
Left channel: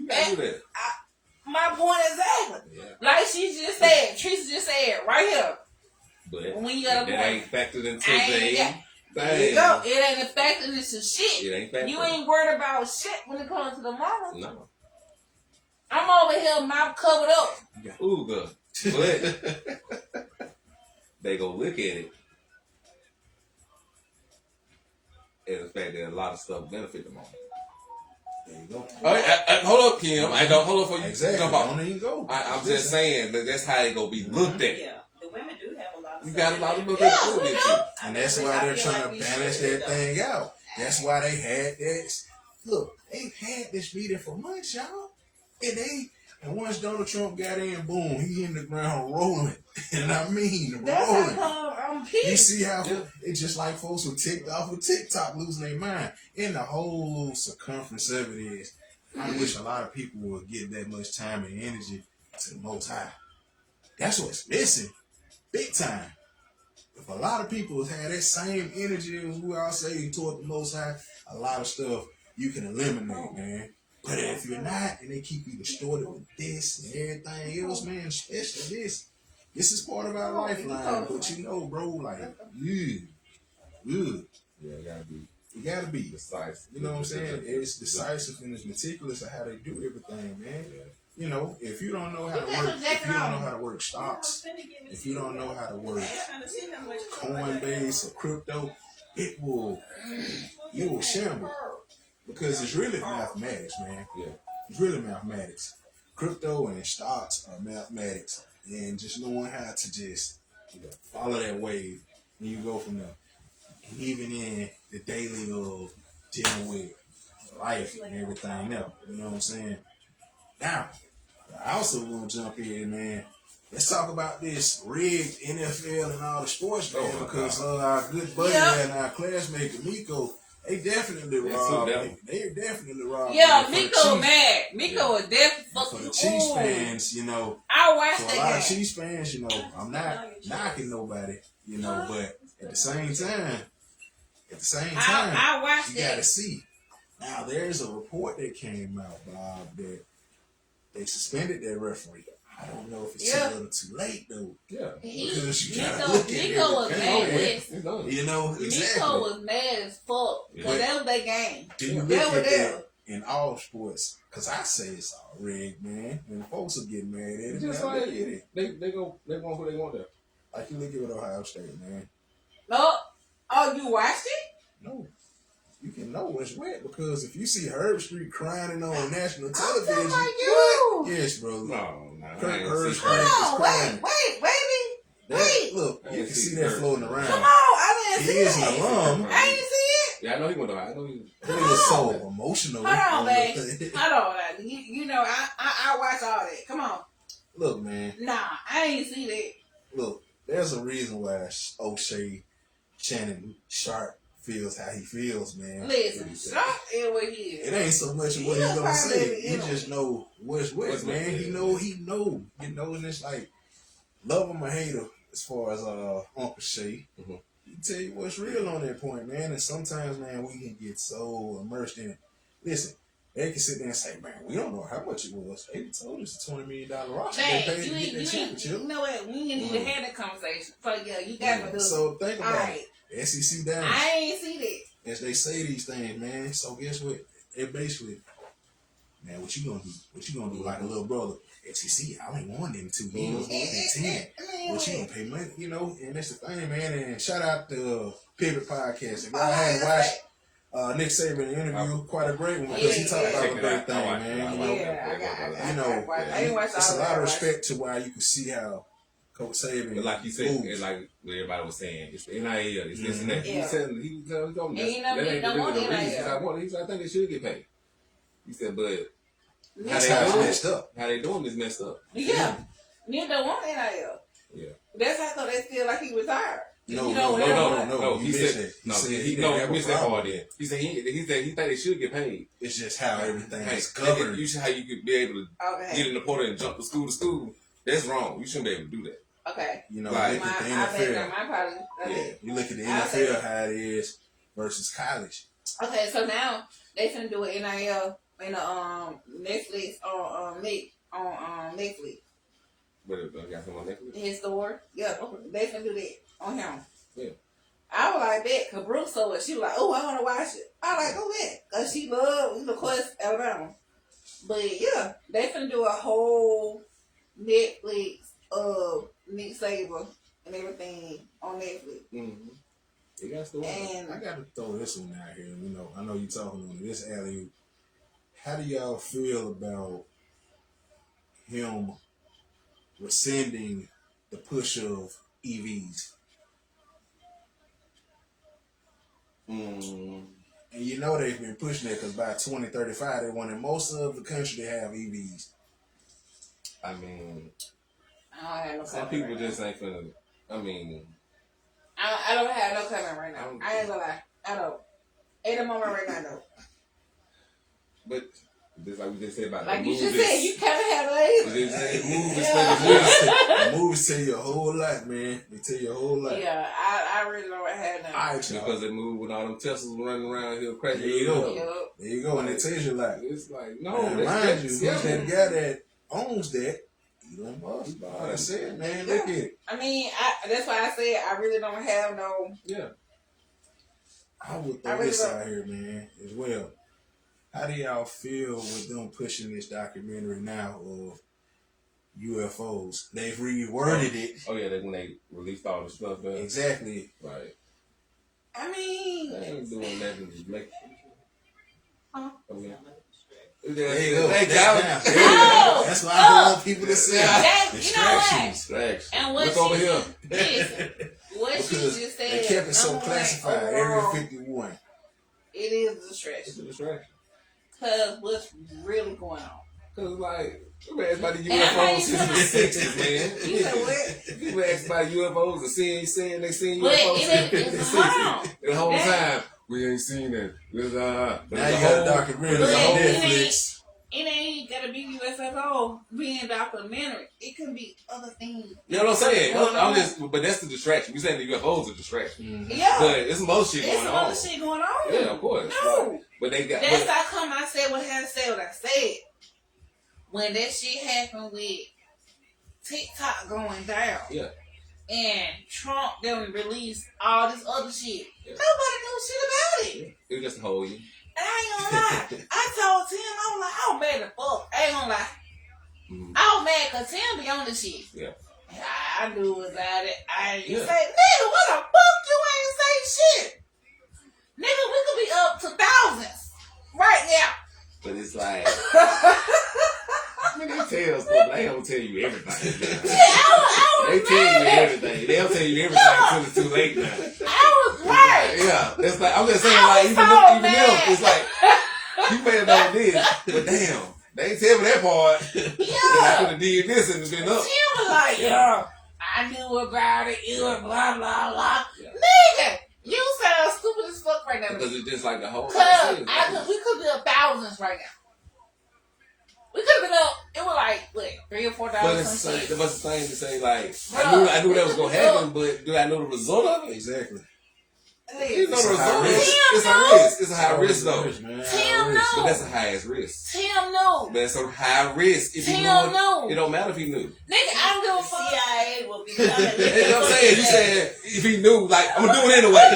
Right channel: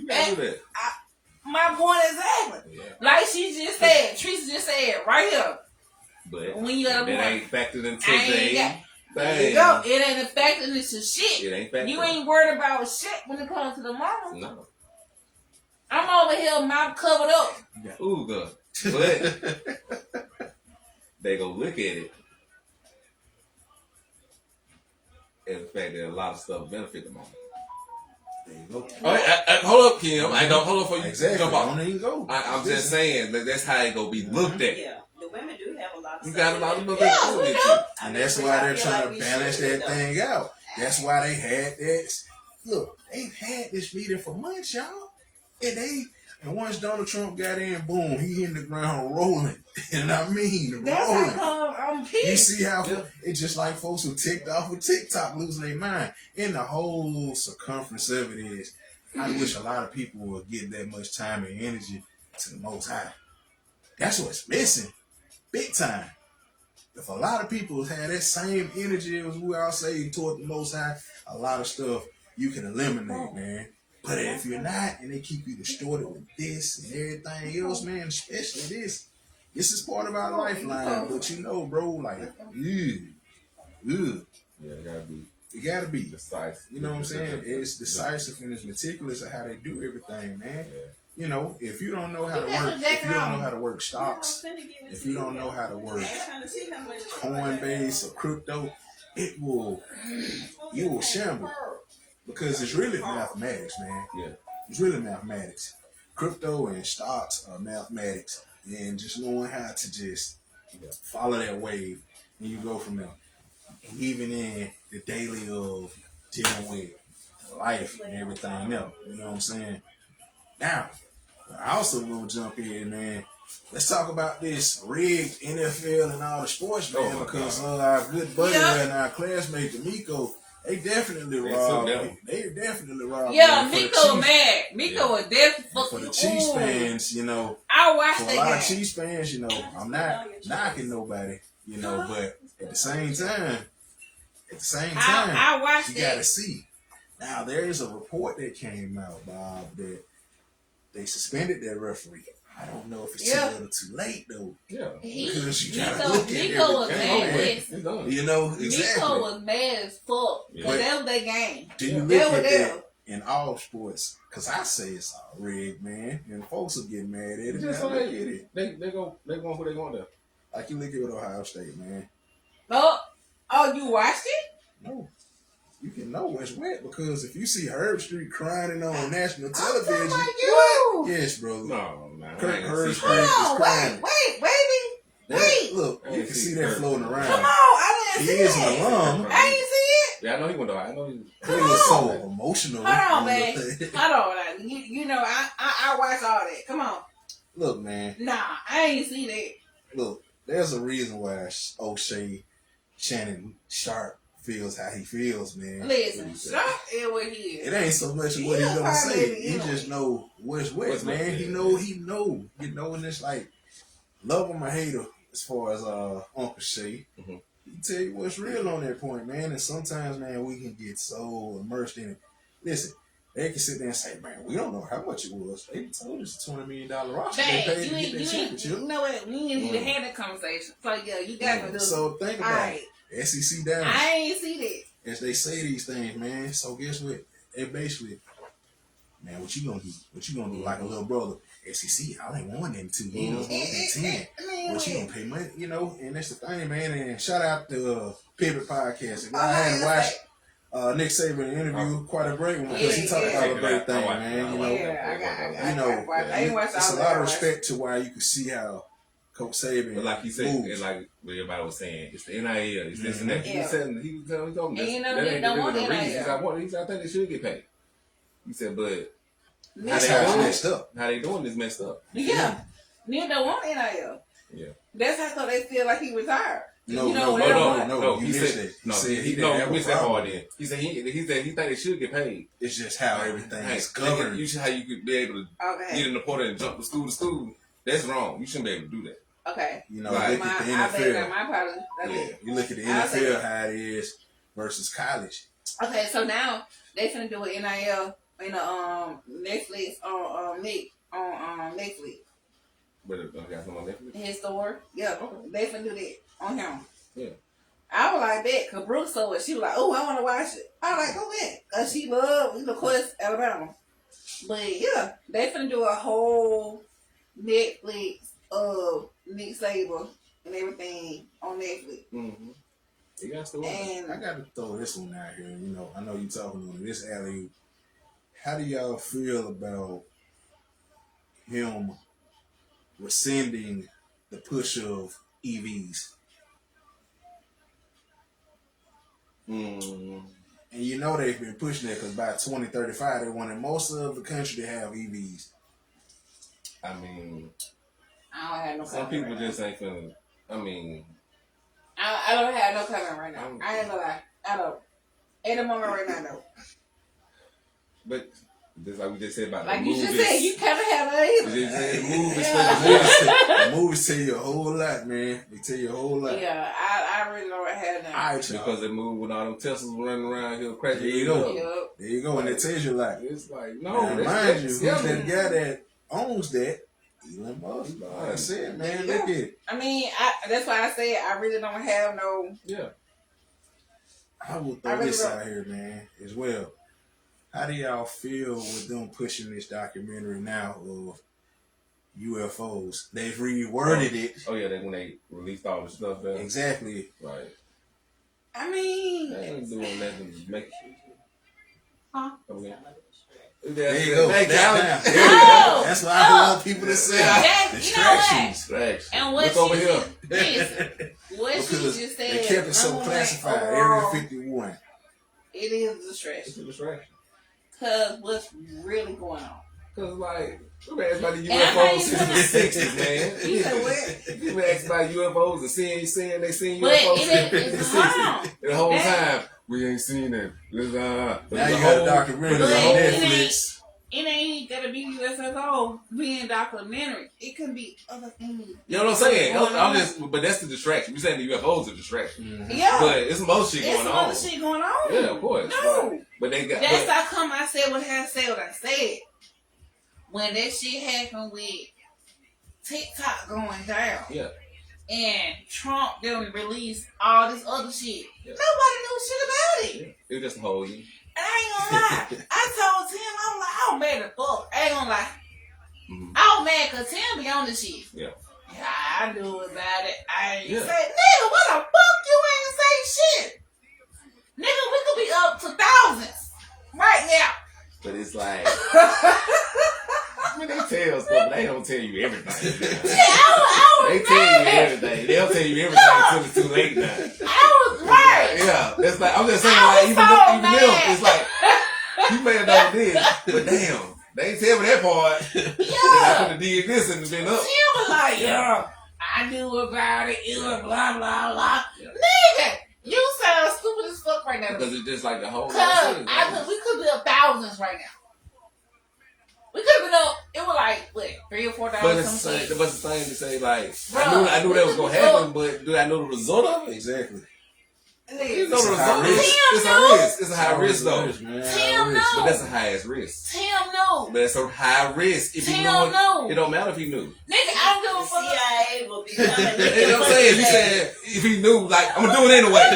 gotta do that. My point exactly. Yeah. Like she just said, Teresa just said right here. But When you got a that point. ain't factored into There you go. It ain't affecting this shit. It ain't factored. You ain't worried about shit when it comes to the mama. No. I'm over here, mouth covered up. Ooh, good. But they go look at it and the fact that a lot of stuff benefit the mama. There you go. All right, hold up, Kim. I know. Hold up for you. Exactly. Jump off. Don't even go. I'm just saying that's how it gonna be looked at. Yeah, the women do have a lot of. You got a lot of look Yeah, at we it. do. And that's why they're trying to balance that thing out. That's why they had that. Look, they've had this meeting for months, y'all. And once Donald Trump got in, boom, he in the ground rolling. And I mean, That's rolling. how I'm You pissed. see how it's just like folks who ticked off with TikTok losing their mind. And the whole circumference of it is, I wish a lot of people would give that much time and energy to the Most High. That's what's missing, big time. If a lot of people had that same energy as we all say toward the Most High, a lot of stuff you can eliminate, man. But if you're not, and they keep you distorted with this and everything else, man, especially this is part of our lifeline. But you know, bro, like, Yeah, it gotta be decisive. you know what I'm saying? It's decisive and it's meticulous of how they do everything, man. Yeah. You know, if you don't know how to work, if you don't know how to work stocks, if you don't know how to work Coinbase or crypto, you will shamble. Because it's really mathematics, man. Yeah. It's really mathematics. Crypto and stocks are mathematics. And just knowing how to just follow that wave, and you go from there. And even in the daily of dealing with life and everything else, you know what I'm saying? Now, I also want to jump in, man. Let's talk about this rigged NFL and all the sports, man, because our good buddy and our classmate, D'Amico, they definitely robbed. They definitely robbed. Yeah, Miko mad. Miko is definitely for fucking. the Chiefs fans, you know. I watched For a that lot of game. Chiefs fans, you know, I'm not knocking nobody, you know, but at the same time, I watched you gotta it. see. Now there's a report that came out, Bob, that they suspended their referee. I don't know if it's too little too late though. Yeah. Because you gotta look at Miko was mad. everything. Listen, You know, exactly. Miko was mad as fuck. Yeah. But that was their game. Do you They look were at there. that? in all sports, because I say it's all rigged, man, and folks will get mad at it. Just Man, like look at it. they want who they want there. Like you look at with Ohio State, man. Oh, you watched it? No. You can know it's wet because if you see Herb Street crying on national I'm television, talking about you. yes, bro. No, man. Kirk I ain't Herb see Street that. is Hold on, crying. wait, baby. Wait. Look, I you ain't can see see that Kirk. floating Come around. on, I didn't He see is an it. alum. I didn't see it. Yeah, I know he went to I know he He was so emotional. Hold on, on babe. the thing. Hold on. You know, I watch all that. Come on. Look, man. Nah, I ain't see that. Look, there's a reason why O'Shea Shannon Sharp feels how he feels, man. Listen, stop and what he is. It ain't so much of what He he's gonna probably, say. you He know. just know what's What's man. what, He yeah. know. You know, and it's like love him or hate him as far as Uncle Shay. Mhm. He tell you what's real on that point, man. And sometimes, man, we can get so immersed in it. Listen, they can sit there and say, man, we don't know how much it was. They told us a $20 million roster. Dang, They paid to you get ain't, that you championship. know what? We ain't even had that conversation. So yeah, you gotta do. So think All about right, it. SEC down. I ain't see that. As they say these things, man. So guess what? They basically, man, what you gonna do? What you gonna do? Like a little brother. SEC, I ain't won them 2 years. Mm-hmm. 10. What you gonna pay money? You know, and that's the thing, man. And shout out to Pivot Podcast. If I had watched Nick Saban interview, quite a great one because he talked about a great thing, man. You know, I you know, it's a lot of respect to why you can see how Coach Saban But like you said, moves. it's like everybody was saying, it's the NIL, it's this and that. Yeah. He said, he was telling me, And you know, they don't want NIL. He said, I think they should get paid. He said, but That's Neither how it's one. messed up. how they doing this messed up. Yeah, neither one NIL. Yeah. That's how come they feel like he retired. No, You know, no. He You said, missed it. He no, said he didn't no, have you a missed that problem. part then. He said he think they should get paid. It's just how everything is Look at governed. you see how you could be able to Okay. get in the portal and jump from school. That's wrong. You shouldn't be able to do that. Okay. You know, Right. look at the I think NFL. that my probably. Yeah, you look at the I'll say NFL how it is versus college. Okay, so now they finna do an NIL in the Netflix on Netflix. But I got someone Netflix. His store. Yeah, they finna do that on him. Yeah. I was like that because Bruce saw it. She was like, "Oh, I want to watch it." I was like, "Go ahead," cause she loved, of course, Alabama. But yeah, they finna do a whole Netflix of Nick Saban and everything on Netflix. Mm-hmm. You got to And I got to throw this one out here. You know, I know you talking on this alley. How do y'all feel about him rescinding the push of EVs? Mm. And you know they've been pushing it because by 2035 they wanted most of the country to have EVs. I mean, I don't have no some comment people right just now. ain't finna. I mean, I don't have no comment right now. I ain't gonna lie. I don't. At the moment right now, no. but just like we just said about Like the you just movies, said, you kind of have an we answer. just said movies, Yeah. The movies tell you a whole lot, man. They tell you a whole lot. Yeah, I really don't have none. All right, y'all. because it moved when all them Teslas running around here cracking. There you go. up. Yup. There you go, and it tells you a lot. It's like no, Now, mind you, who's yeah, that guy that owns that? Elon Musk. Right. That's it, man. Look at it. I mean, that's why I say I really don't have no. yeah. I would throw this out here, man, as well. How do y'all feel with them pushing this documentary now of UFOs? They've reworded it. Oh yeah, that when they released all the stuff there. Exactly. Right. I mean, They ain't doing that to just make it. Huh? Okay. There you go. Thank That's, you. Oh! that's why I want people to say Yeah, distractions. Distraction. and what Look over she here. listen, what she Because just said. they kept it so I'm like, classified. overall, Area 51. It is a It's distraction a distraction. because what's really going on? Cause like, you asked about the And I UFOs since the '60s, man. You said what? You asked about UFOs and saying they seen But UFOs it in the is '60s. The whole Yeah. time we ain't seen it. Now you got a documentary on But Netflix. It ain't gotta be USFO being documentary. It could be other things. You know what I'm saying? Going I'm on. just, but that's the distraction. We saying the UFOs are a distraction, Mhm. Yeah, but it's some other shit there's going some on. other shit going on. Yeah, of course. No, But they got. that's how come I said what I said. What I said when that shit happened with TikTok going down. Yeah. And Trump then released all this other shit. Yeah. Nobody knows shit about it. It was just a whole year. And I ain't gonna lie. I told Tim, I was like, I was mad as fuck. I ain't gonna lie. Mhm. I was mad because Tim be on the shit. Yeah. I knew about it. I ain't Yeah. say, nigga, what the fuck you ain't say shit? Nigga, we could be up to thousands right now. But it's like, I mean, they tell stuff. They don't tell you everything. They tell you everything. They don't tell you everything until it's too late now. I was right. Yeah, it's like, I'm just saying, I like, was even so them, mad. it's like, you may have done this, but damn, they ain't tell me that part. I Yeah. could have did this and it's been up. Tim was like, yeah, I knew about it. It was blah, blah, blah. Nigga, you sound stupid as fuck right now. Because it's just like the whole Cause thing. we could be up thousands right now. We could have been up. It was like what, $3,000 or But it's some the shit. same. But it's the same to say, like, Bruh, I knew that was gonna happen, but do I know the result of it? Exactly. You know It's the a high result. risk. It's a risk. It's a high risk though. Risk, man. Tim High risk. But know. that's the highest risk. Tim knew. But it's a high risk. If you Tim knew know. it don't matter if you knew. Nigga, I don't give The a fuck. CIA will be coming. You know what I'm saying? You said if he knew, like, I'm gonna do it anyway.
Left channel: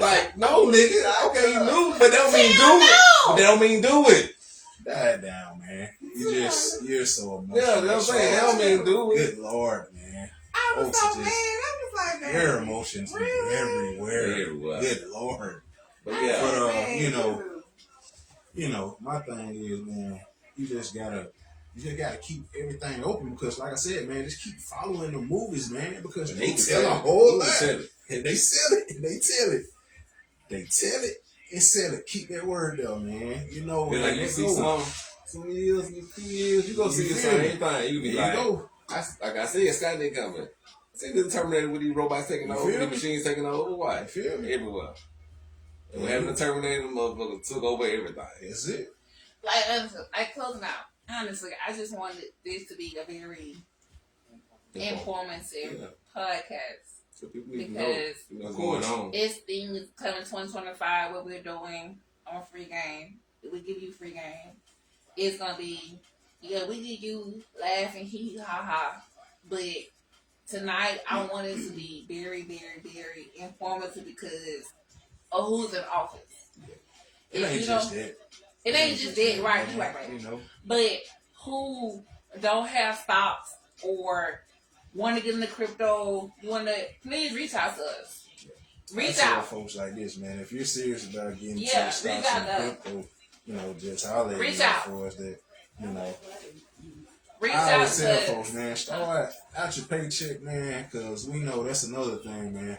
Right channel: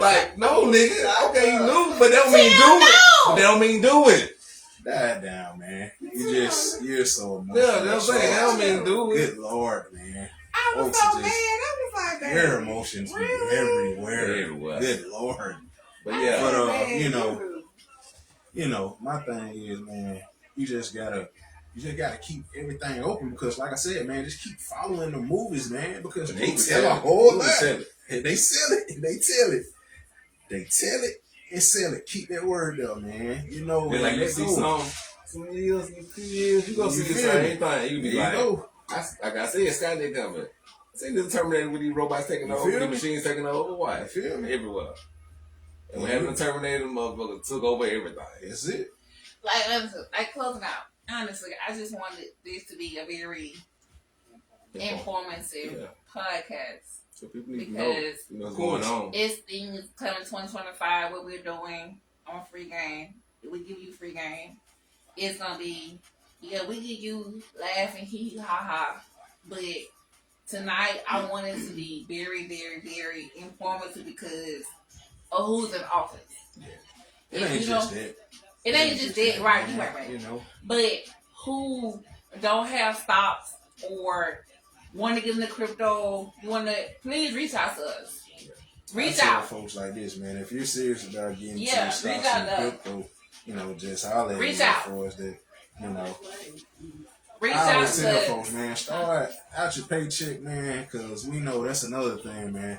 Like, no, nigga, okay, you knew, but that don't mean do it. But that don't mean do it. Die down, man. You're so emotional. Yeah, that's what I'm saying. That don't mean do it. Good Lord, man. I was Folks so are mad. just- I was like that. Your emotions be everywhere. Everywhere. Good Lord. But yeah, But you know, my thing is, man, you just gotta keep everything open because, like I said, man, just keep following the movies, man, because they tell a whole lot. And they sell it, and they tell it. They tell it and sell it. Keep that word up, man. You know, then like you see some 2 years, 2 years, you gonna see the same thing. You be like, like I said, Skynet coming. See the Terminator with these robots taking over, the machines taking over. Why? Feel me? Everywhere. And when the Terminator, motherfucker took over everything. That's it. Like closing out. Honestly, I just wanted this to be a very informative podcast. So people need to know what's going on. It's things coming 2025, what we're doing on Free Game. We give you free game. It's gonna be, we give you laughing, hee ha ha. But tonight, I want it to be very, very, very informative because of who's in office. It ain't just that. It ain't just that, right? You know. But who don't have stocks or want to get into crypto, please reach out to us. Reach I tell out. folks like this, man. If you're serious about getting into Yeah, stocks reach out and to us. crypto, just holler at Reach me out. for us that, Reach I out always to tell us. folks, man, start out your paycheck, man, because we know that's another thing, man.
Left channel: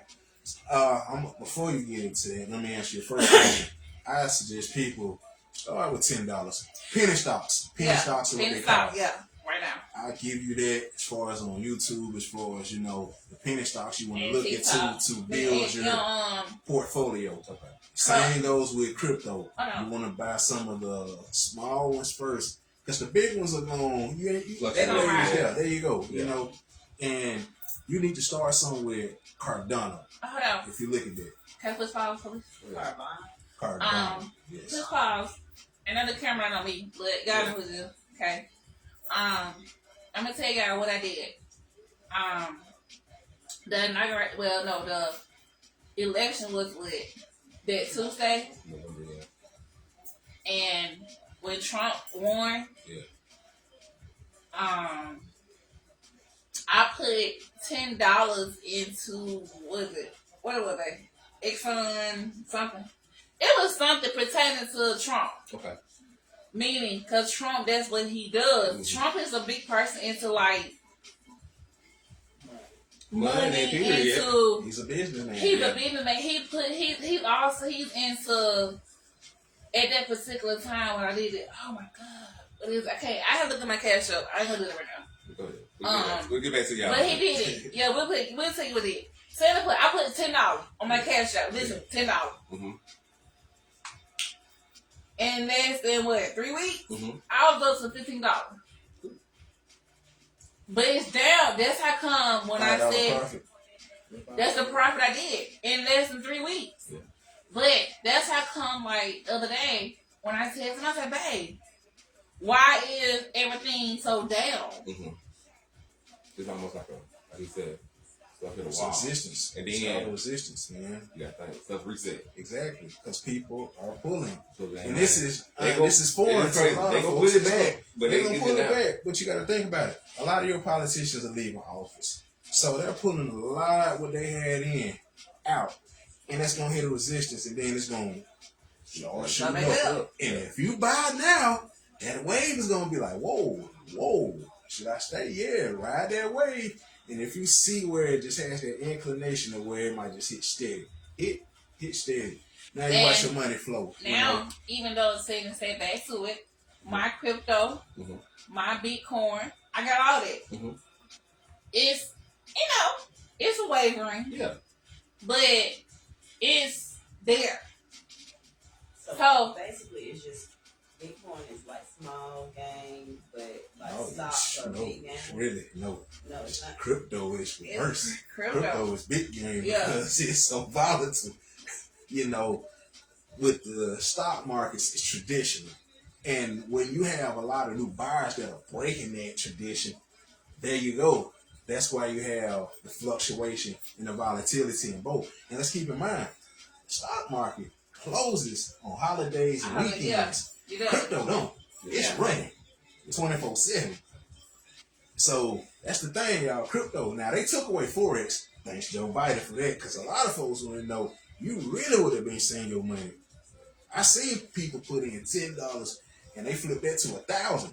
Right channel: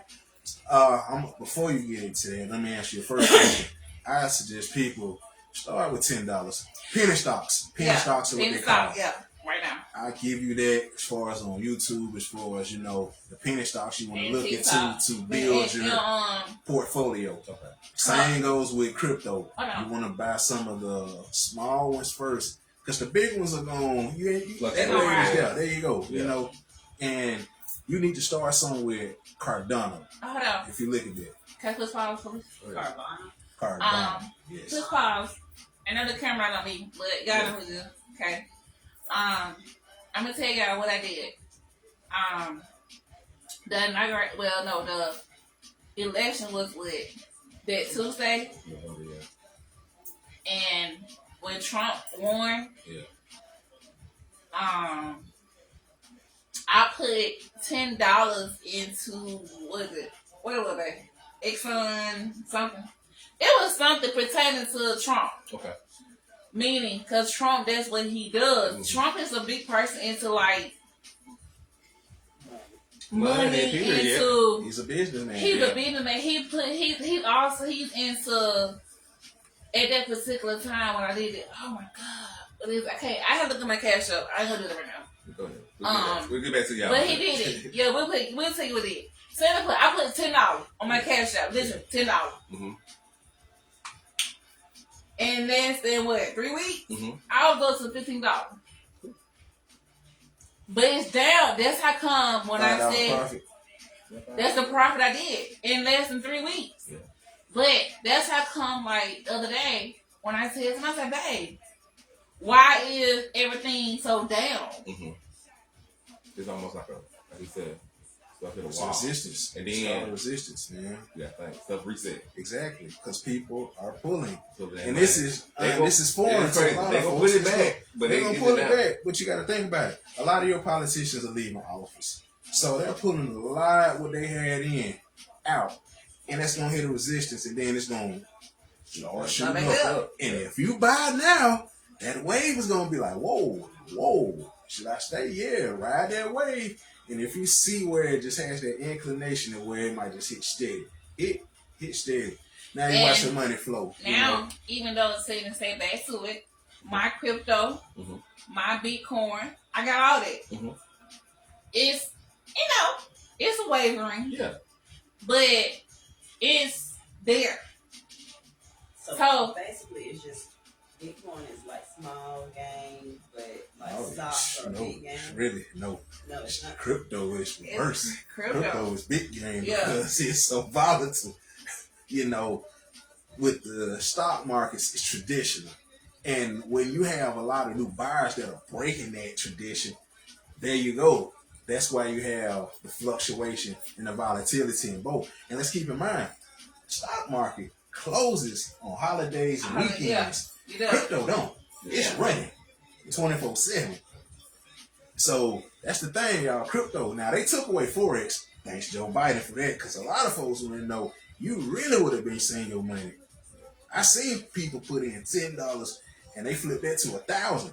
Before you get into that, let me ask you a first question. I suggest people start with $10. Penny stocks. Penny stocks are what Penny they call stock, it. yeah, right now. I'll give you that as far as on YouTube, as far as, the penny stocks you want to look into to build your portfolio. Same goes with crypto. You want to buy some of the small ones first, because the big ones are going, there you go, and you need to start somewhere Cardano. Hold on. If you look at that. Can I push pause, please? Cardano. Yes. Push pause. I know the camera ain't on me, but y'all know who's good. Okay. I'm gonna tell y'all what I did. The election was that Tuesday, and when Trump won, I put $10 into what was it? Exxon something. It was something pertaining to Trump. Okay. Meaning, because Trump, that's what he does. Mm-hmm. Trump is a big person into like money, period. into. He's a businessman. He's a businessman. He's into. At that particular time when I did it, oh my god! But I have to look at my cash up. I ain't gonna do it right now. We'll get back to y'all. But he did it. Yeah, we'll tell you what he did. So I put $10 on my cash out. Literally $10. Mm-hmm. In less than 3 weeks, Mm-hmm. I was up to $15. But it's down. That's how come when I said profit. that's the profit I did in less than 3 weeks. Yeah. But that's how come like the other day when I said to myself, babe, why is everything so down? Mm-hmm. It's almost like you said, Stuff in the It's wall. resistance. And It's then- all resistance, man. Yeah, thanks. Stuff reset. Exactly, because people are pulling, So then, and this is foreign to crazy. a lot They of gonna folks. put it back, but They're they gonna get pull it it out. back. But you got to think about it. A lot of your politicians are leaving office, so they're pulling a lot what they had in out, and that's gonna hit a resistance, and then it's gonna start shooting up. And if you buy now, that wave is gonna be like, whoa. Should I stay? Yeah, ride that wave. And if you see where it just has that inclination of where it might just hit steady, hit steady. Now you watch the money flow. Now, even though it's saying to say back to it, my crypto, my Bitcoin, I got all that. It's, it's a wavering, Yeah. but it's there. So So- basically, it's just Bitcoin is like small game, but like Oh, stocks are no, big game. it's really no. No, it's not. Crypto is worse. Crypto is big game Yeah. because it's so volatile. With the stock markets, it's traditional. And when you have a lot of new buyers that are breaking that tradition, there you go. That's why you have the fluctuation and the volatility in both. And let's keep in mind, the stock market closes on holidays and weekends. You know. Crypto don't. It's Yeah. running 24/7. So that's the thing, y'all. Crypto. Now they took away Forex. Thanks Joe Biden for that, because a lot of folks want to know you really would have been seeing your money. I seen people put in $10 and they flipped that to 1,000.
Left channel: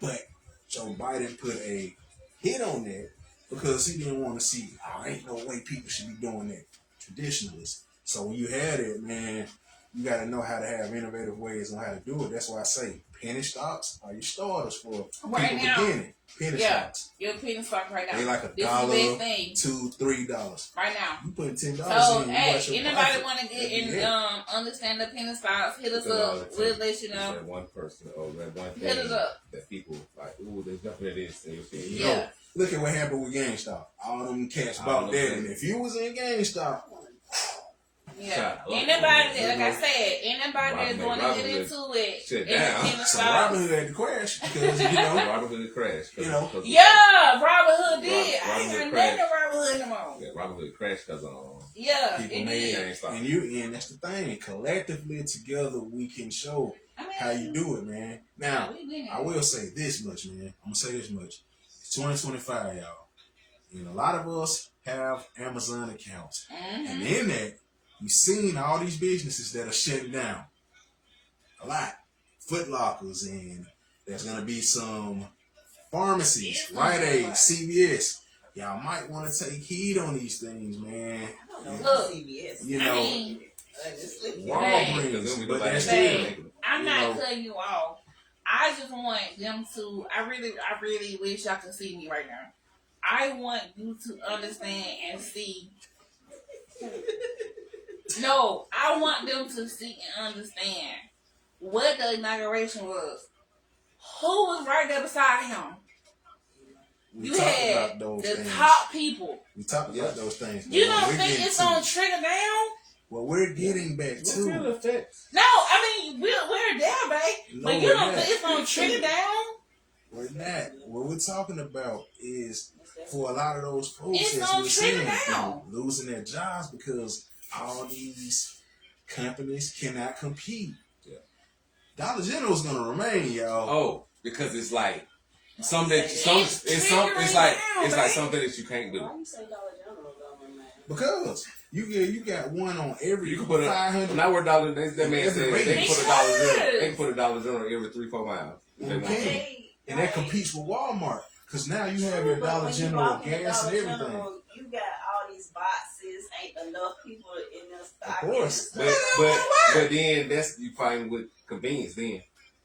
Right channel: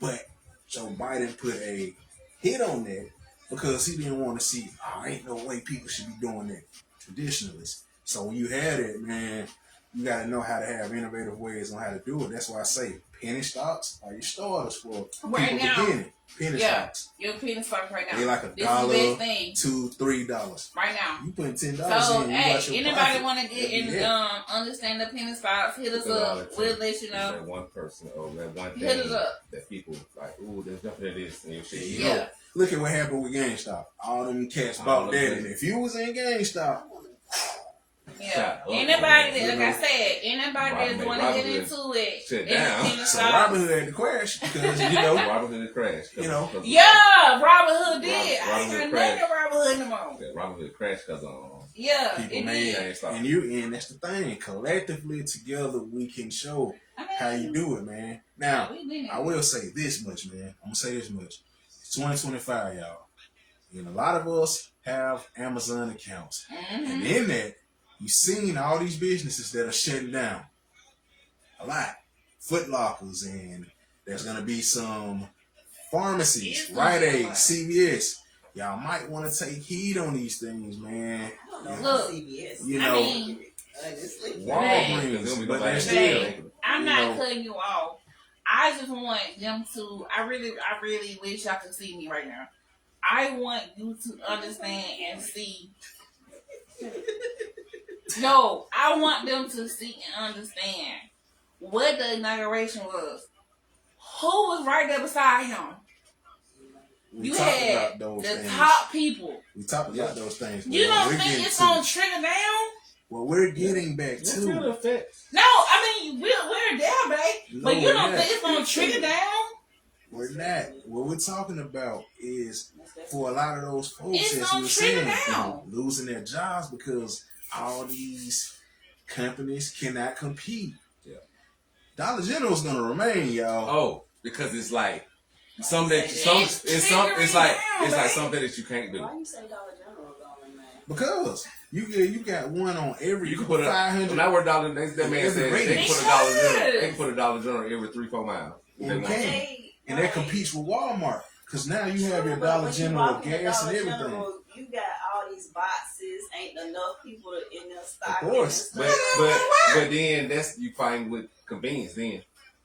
But Joe Biden put a hit on that because he didn't want to see, ain't no way people should be doing that. Traditionalists. So when you had it, man, you got to know how to have innovative ways on how to do it. That's why I say penny stocks are your starters for Right people now. beginning. Penny stocks. Your penny stock right now. They like this $1, is the best thing $2, $3. right now. You putting $10 So, in, you hey, got your anybody profit. want to get Every in, day. understand the penny stocks, hit us up. We'll let you know. That one person or that one Hit us thing up. that people like, ooh, there's nothing to this and your shit. There you go. Yeah. Look at what happened with GameStop. All them cats All bought them that, things. and if you was in GameStop, Yeah. Oh, Anybody, oh, like I said, anybody that's Robin- want to get Robin into it, sit in the down. penny so stocks. Robinhood had to crash because Robin Hood crashed. Yeah, Robin Hood did. I Robin ain't Hood even crashed. naming Robin Hood no more. Robin Hood crashed because Yeah, people it made, did. and that's the thing. Collectively together, we can show I mean, how you do it, man. Now, we been there. I will say this much, man. I'm gonna say this much. It's 2025, y'all, and a lot of us have Amazon accounts, and in that, you've seen all these businesses that are shutting down. A lot. Foot Lockers, and there's gonna be some pharmacies, Rite Aid, CVS. Y'all might want to take heed on these things, man. I don't know Look, about CVS. You I know, mean, Honestly. Walgreens, but they're still. Hey, I'm you not know, cutting you off. I just want them to. I really wish y'all could see me right now. I want you to understand and see. No, I want them to see and understand what the inauguration was. Who was right there beside him? we You talked had about those the things. top people. We talked about those things. You but don't we're think getting it's to- gonna trigger down? What we're getting back to. No, I mean we're there, babe. But No, you don't we're think it's gonna trigger down? We're not. What we're talking about is for a lot of those folks, It's as gonna we're trigger saying, down. losing their jobs because all these companies cannot compete. Yeah. Dollar General is gonna remain, y'all. Oh, because it's like some that It's it's like right? something that you can't do. Why you say Dollar General going, man? Because you got one on every You can put a 500. when I wear Dollar, that man Every said rating. they can put a Dollar General. They can put a Dollar General every 3-4 miles. You They want can. to. Hey, And that competes with Walmart. Because now you have your But Dollar when you General walk in the gas and Dollar everything. General, you got all these boxes. Ain't enough people in there stocking. Of course. But then that's you find with convenience. Then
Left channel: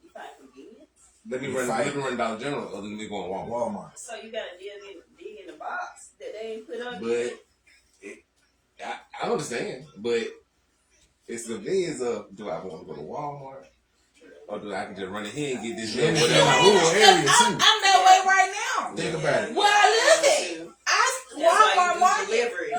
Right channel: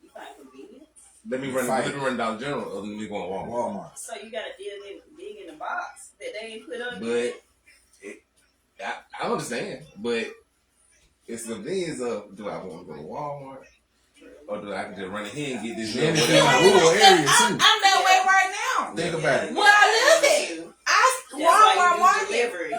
You find convenience. let me You run fight. Dollar General other than me going Walmart. Walmart. So you gotta dig in the box that they ain't put up But yet. I understand, but it's convenience of do I want to go to Walmart or do I can just run in here and get this? Then it's in little- my rural area too. I'm that way right now. Think about it. Well, I live it. That's why you do Walmart. delivery.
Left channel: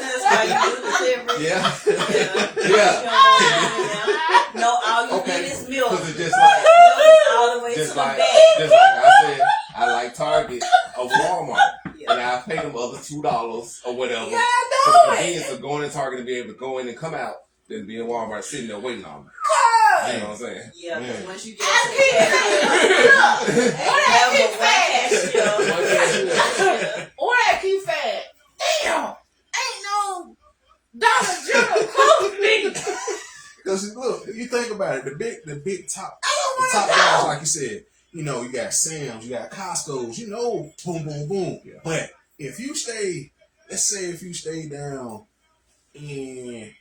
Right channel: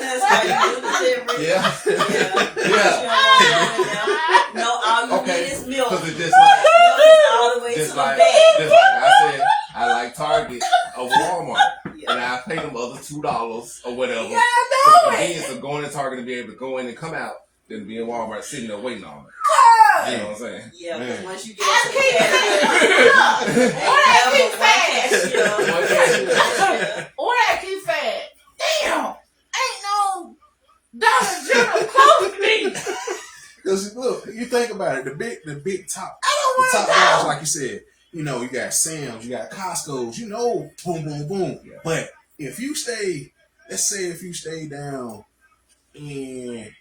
That's why you do delivery. Yeah. Yeah. No, all you Okay. need is milk. Because it's just Milk like is all the way to just the like bag. I said, I like Target or Walmart, Yeah. and I pay them other $2 or whatever. You gotta For the do it. convenience of going to Target and be able to go in and come out than be in Walmart sitting there waiting on me. You know what I'm saying? Yeah, Man. because once you get I to the keep cash, Or I keep saying, cashier. or I keep saying, damn, ain't no Dollar General close to me. Because look, you think about it, the big top, I the don't top guys, want to like you said, you know, you got Sam's, you got Costco's, you know, boom, boom, boom. Yeah. But if you stay, let's say if you stay down in,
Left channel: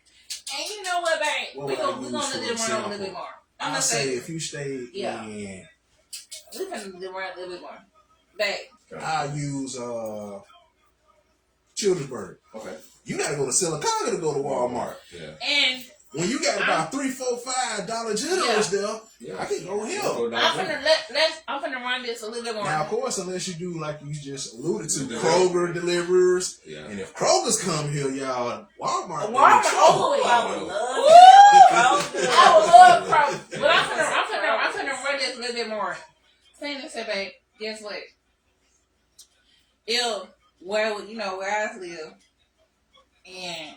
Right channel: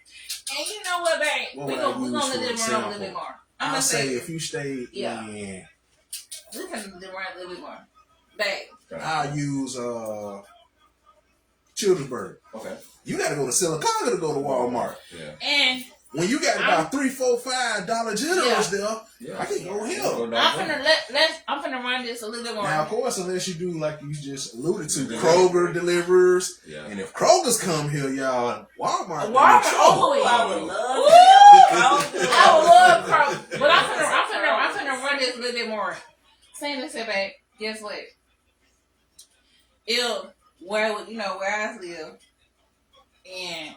And you know what, babe? What We would I gonna use let for it run a example? little bit more. I'm I'll gonna say say if you stay Yeah. in, we can let it run a little bit more. Babe, I'll use Childersburg. Okay. You gotta go to Silicaca to go to Walmart. Yeah. and When you got about $3, $4, $5 Generals there, Yeah. I can go here. I'm finna run this a little bit more. Now, of course, unless you do like you just alluded to, Yeah. Kroger delivers. Yeah. And if Kroger's come here, y'all, Walmart. Walmart trouble. over it. I would love Woo! to I would love Kroger, but I'm finna run this a little bit more. Saying this, babe, guess what? Where I live, and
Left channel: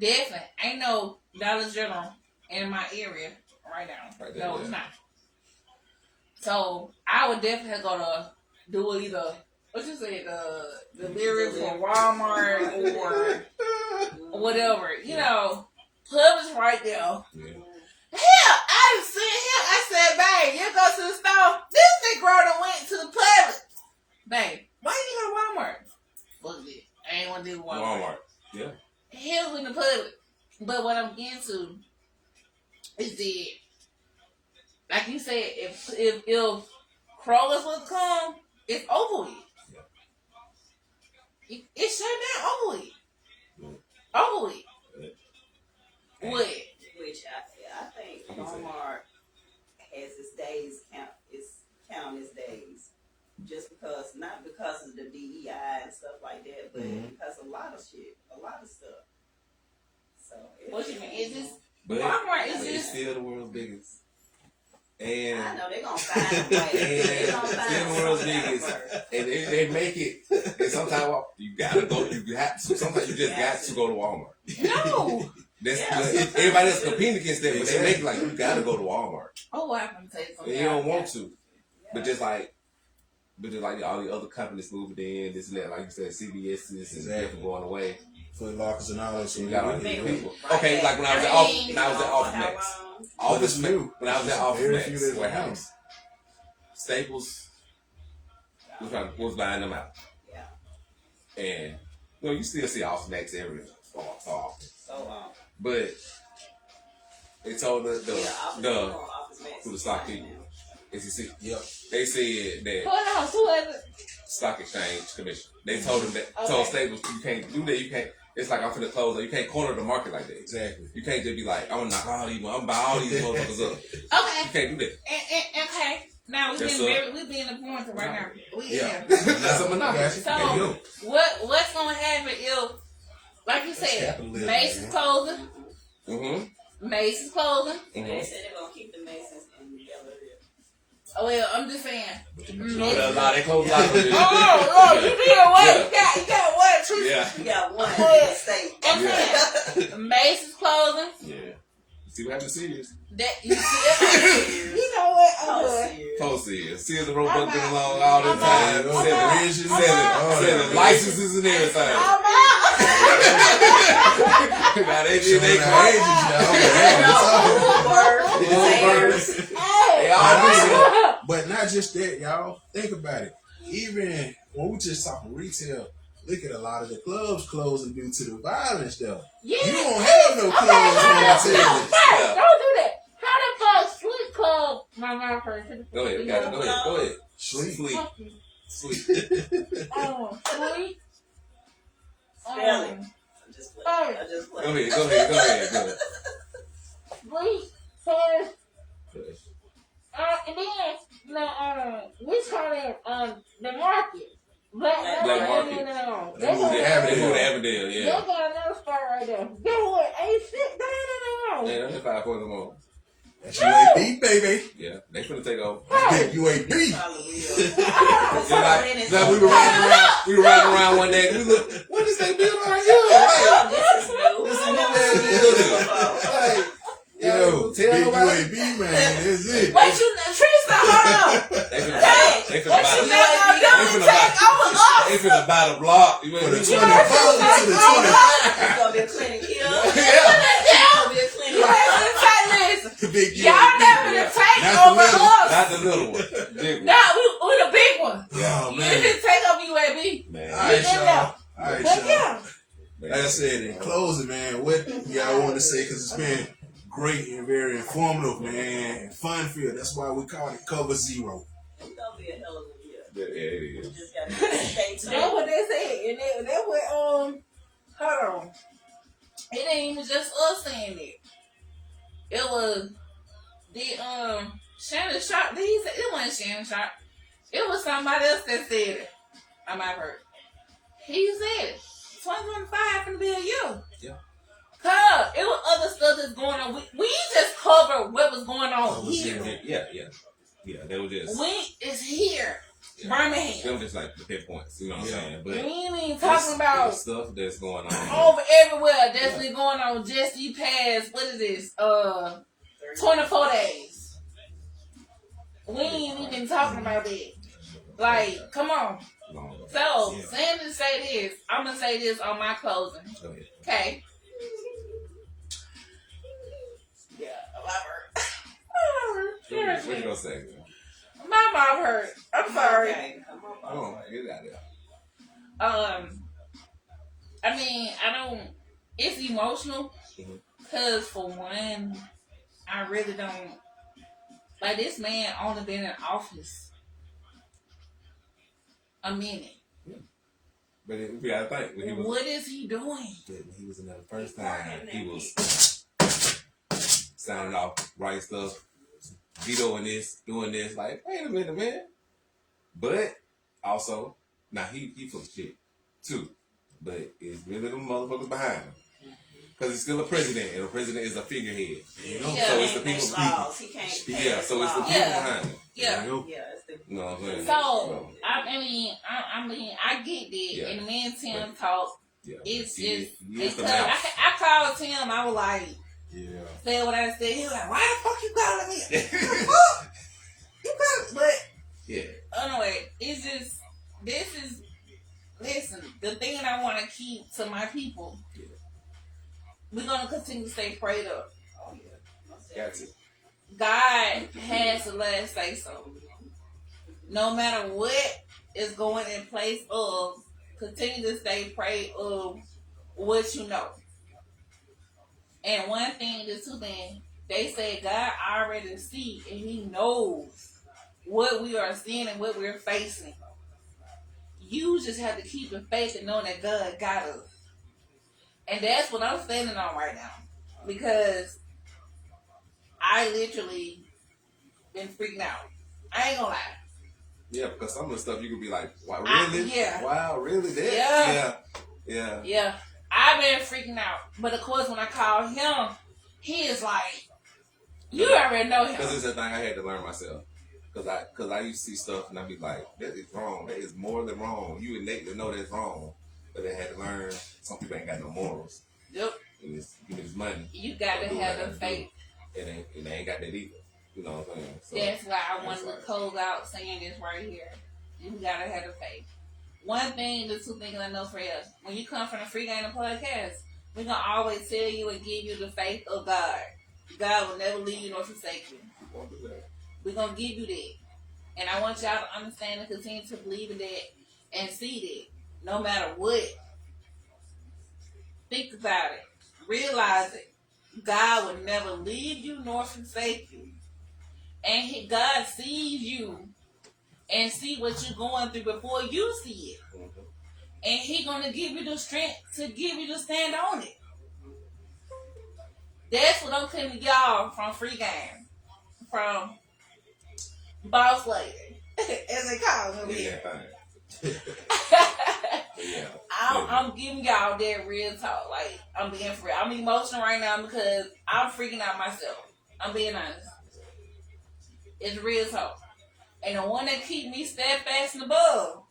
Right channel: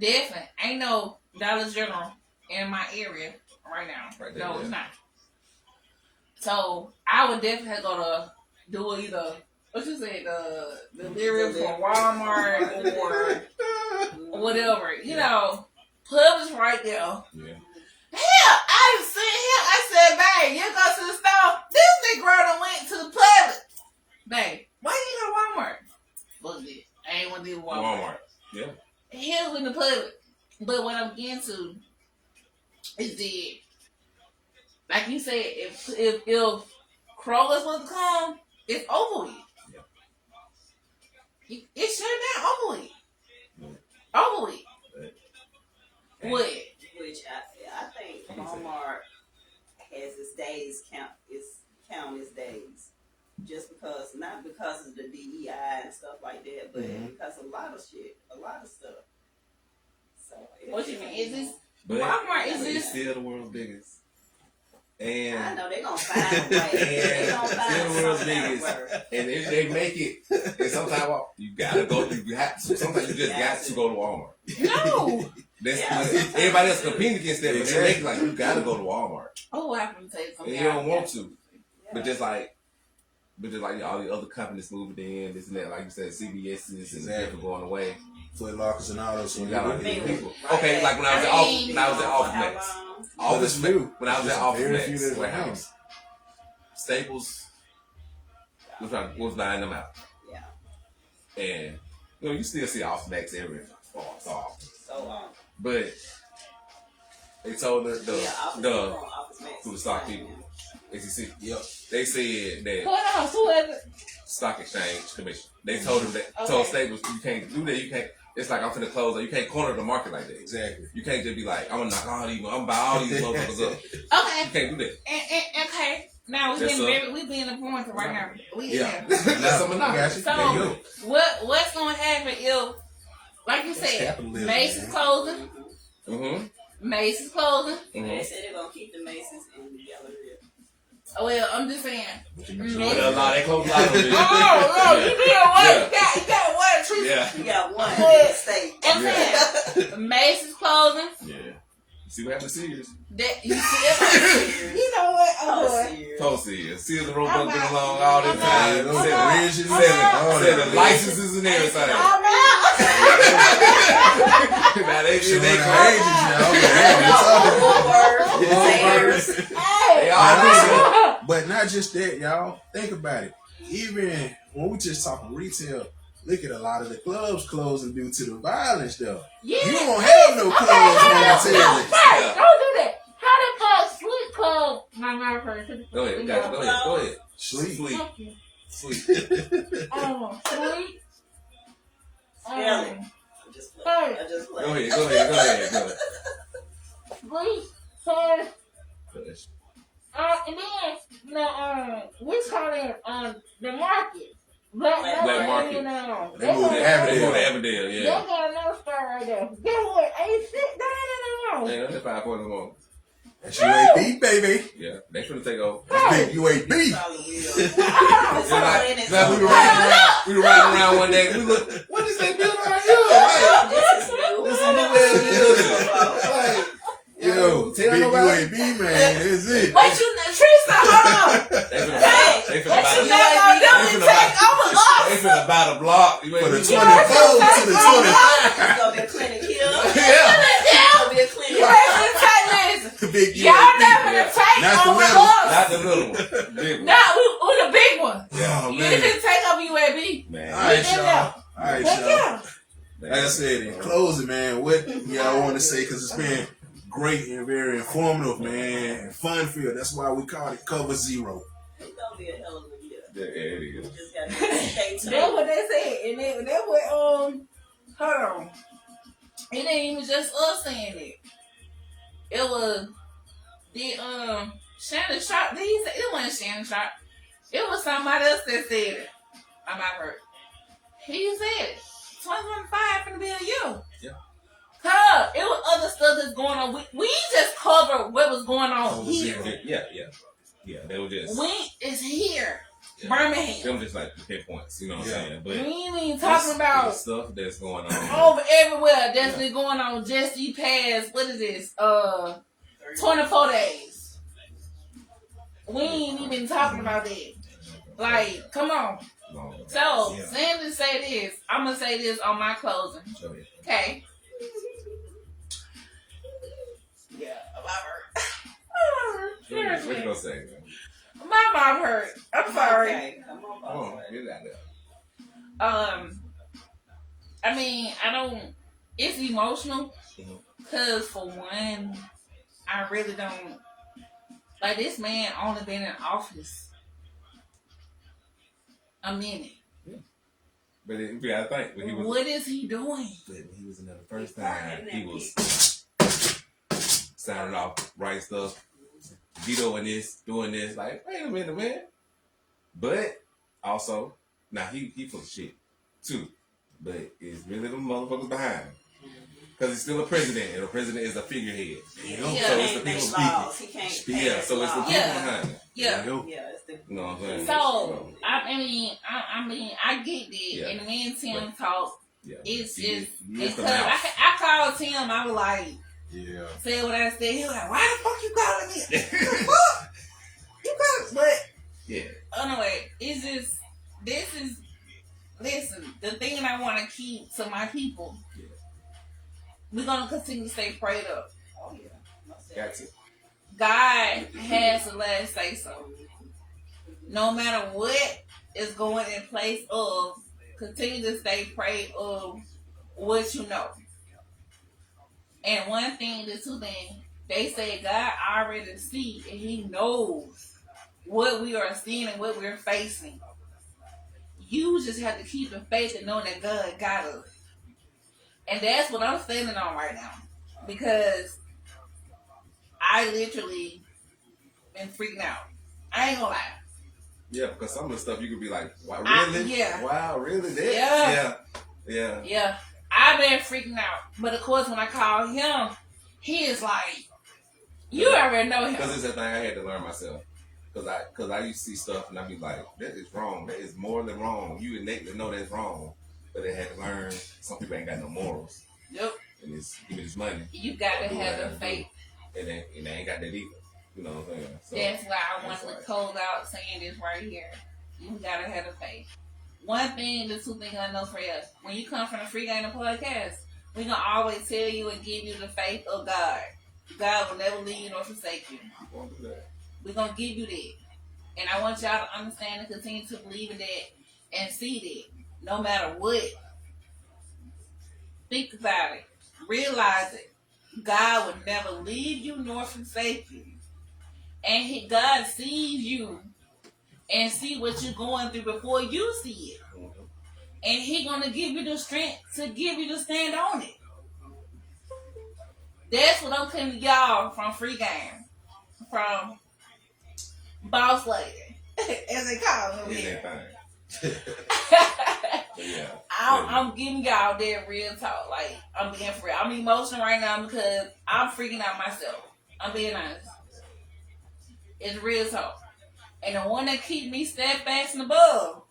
definitely ain't no Dollar General in my area right now. Right there, No, yeah. it's not. So I would definitely go to do either what you say, the delivery for Walmart or whatever. You know, Publix right there. Yeah. Hell, I was sitting here. I said, babe, you go to the store. This Negro done went to the Publix. Babe, why you go to Walmart? Fuck it. I ain't want to do Walmart. Walmart. Yeah. He was in the Publix. But what I'm getting to is that, like you said, if Kroger's was to come, it's over with. Yeah. It's shut down, over with. Yeah. Over with. Yeah. What? Which I think Walmart has its days count its days. Just because, not because of the DEI and stuff like that, but because a lot of stuff. So What you mean? Is this But Walmart? Is it's this? still the world's biggest. I And know they're gonna find a way. They're gonna still find the world's some kind of biggest. way. And if they make it, and sometimes you gotta go. You have to. Sometimes you just got to go to Walmart. No. Everybody else competing against that, but they make it like you gotta go to Walmart. Oh, I can tell you And something. you don't want to, but just like all the other companies moving in, this and that. Like you said, CBS and this and that going away. Foot Lockers and all that. So We you got all got these Big people. right Okay, back. like when I was at How Office long? Office But it's new. when I was at It's Office very Max few days warehouse, Staples was buying them out, Yeah. and you still see Office Max every so often. So long. But they told to the stock people, SEC, Yep. they said that Hold on, stock exchange commission. They told them told Staples you can't do that. You can't. It's like I'm finna close. You can't corner the market like that. Exactly. You can't just be like I'm gonna knock all these. I'm gonna buy all these motherfuckers up. Okay. You can't do that. And okay. Now we being influenced right now. Yeah. That's something I got else. you. So There you go. what's gonna happen if, like you That's said, capitalism, Macy's man. closing, Mm-hmm. Macy's closing. They said they're gonna keep the Masons in the gallery. Oh, well, I'm just saying. But a lot they close a lot of them. Oh, you did what? You got what? Truth? Yeah. You got one in state. I'm saying Macy's closing. Yeah. See what happened to Sears? That you see? You know what? Oh, boy. Post Sears. Sears and Roebuck been along all this time. Those Okay. bridges, Selling licenses and everything. All right. Now they Showing did they their ages, y'all. Hey. They all But not just that, y'all. Think about it. Even when we just talking retail, look at a lot of the clubs closing due to the violence, though. Yeah. You don't have no Okay, clubs hold on. momentarily. Hey, don't do that. How the Sweet Club? My friend. Go ahead, go ahead. Sleep. Sweet. Sweet. Sweet. Sweet. Really? Just play. Hey. I just play. Go ahead. Sweet. So, and then we call it the market. Black Market. You They moved to They Avondale. go to Avondale, They yeah. got another store right there. Get what? Ain't shit down. Ain't nothing 5 for them all. That's UAB, baby. Yeah, they finna take over. Big UAB. Just like we were riding around one day. We look, what is that building right here? Right? This is new ass building. Yo, Big UAB, man. That's it. What you, Teresa, hold on. They finna What you buy think I'm doing? Take over us. they finna buy the block. You For the ain't 24 to the 20. It's gonna be a clinic here. Yeah. It's gonna be a clinic. Big Y'all UAB. never take Not the over little. us. Not the little one. Big one. No, we the big one. Oh, You man. didn't take over UAB. Man. All right, y'all. All right, Look y'all. here. Like I said, in closing, man, what y'all want to say? Because it's been great and very informative, man, and fun filled. That's why we call it Cover Zero. It's gonna be a hell of a year. Yeah, it is. Just gotta stay tuned. That's what they said. And that what, hold on. It ain't even just us saying it. It was the, Shannon Sharp. Did he say, it wasn't Shannon Sharp. It was somebody else that said it. I might have heard. He said 2025 finna be a year. Yeah. Huh, it was other stuff that's going on. We just covered what was going on here. Yeah, they were just. We is here. Yeah. Birmingham. They were just like the pinpoints, you know what I'm saying? But We ain't even talking about the stuff that's going on. over everywhere that's been going on just these past, what is this, 24 days. We ain't even talking about it. Like, come on. So, saying to say this, I'm going to say this on my closing. Okay? Yeah, What you gonna say? my mom hurt. I'm sorry. Okay, come on, Come on, boss. get it out there. I mean, it's emotional. Mhm. Because for one, I really don't, like, this man only been in office a minute. But you gotta think when he was What is he doing? when he was in there the first time, he was signing off, writing stuff, vetoing this, doing this. Like, wait a minute, man. But also, now he full of shit too. But it's really the motherfuckers behind him. Because he's still a president, and a president is a figurehead. Yeah. So it's the people speaking. He can't Yeah, so it's the people Yeah. behind him. Yeah. Yeah, it's the You know what I'm saying? So, I get that. Yeah. And me and Tim talk. Yeah. It's He just, is the because mouth. I called Tim, I was like, Yeah. saying what I said. He was like, why the fuck you calling me? What? You calling? But, Yeah. anyway, it's just, listen, the thing that I want to keep to my people, we're going to continue to stay prayed up. oh yeah. Got to. God has the last say so. No matter what is going in place of, continue to stay prayed of what you know. And one thing, the two things, they say God already sees and He knows what we are seeing and what we're facing. You just have to keep in faith and know that God got us. And that's what I'm standing on right now. Because I literally been freaking out. I ain't gonna lie. Yeah, because some of the stuff you could be like, wow, really? Yeah. Wow, really? That? Yeah. Yeah. Yeah. I've been freaking out. But of course, when I call him, he is like, you already know him. Because it's a thing I had to learn myself. Because I used to see stuff and I'd be like, that is wrong. That is more than wrong. You innately know that's wrong. But I had to learn some people ain't got no morals. Yep. And it's give me this money. You gotta have the faith. And they ain't got that either. You know what I'm saying? So, That's why I wanted to close out saying this right here. You gotta have the faith. One thing, the two things I know for us, when you come from the Free Game Podcast, we gonna always tell you and give you the faith of God. God will never leave you nor forsake you. I won't do that. We're gonna give you that. And I want y'all to understand and continue to believe in that and see that. No matter what. Think about it. Realize it. God will never leave you nor forsake you. And God sees you and see what you're going through before you see it. And He gonna give you the strength to give you to stand on it. That's what I'm telling y'all from Free Game. From Boss Lady. As they call me. Yeah, yeah. I'm giving y'all that real talk. Like, I'm being free. I'm emotional right now because I'm freaking out myself. I'm being honest. It's real talk. And the one that keep me steadfast and above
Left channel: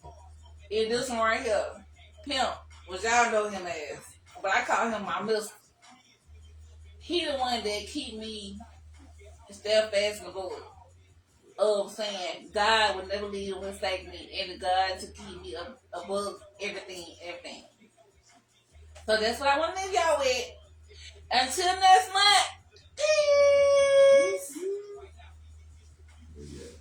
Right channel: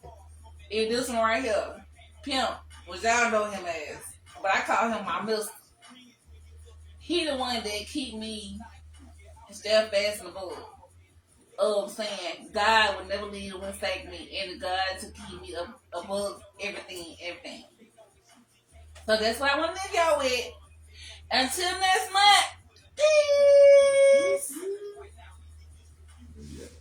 is this one right here. Pimp, which y'all know him as. But I call him my mister. He the one that keep me steadfast and above. Of saying God will never leave or forsake me, and God to keep me above everything. So that's what I want to leave y'all with. Until next month. Peace.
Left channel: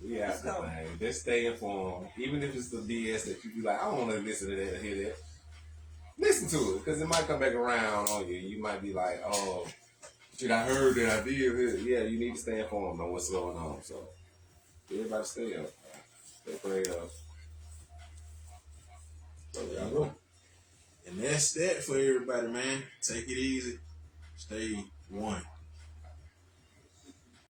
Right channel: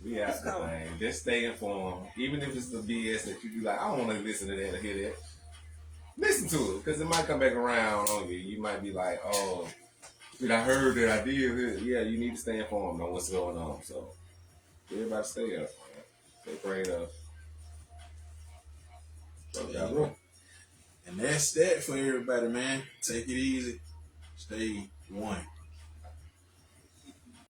We out the thing. Just stay informed. Even if it's the BS that you be like, I don't want to listen to that or hear that. Listen to it, because it might come back around on you. You might be like, oh, shit, I heard that I did. Yeah, you need to stay informed on what's going on. So, everybody stay up, man. Stay prayed up. So, Yeah, bro. And that's that for everybody, man. Take it easy. Stay one.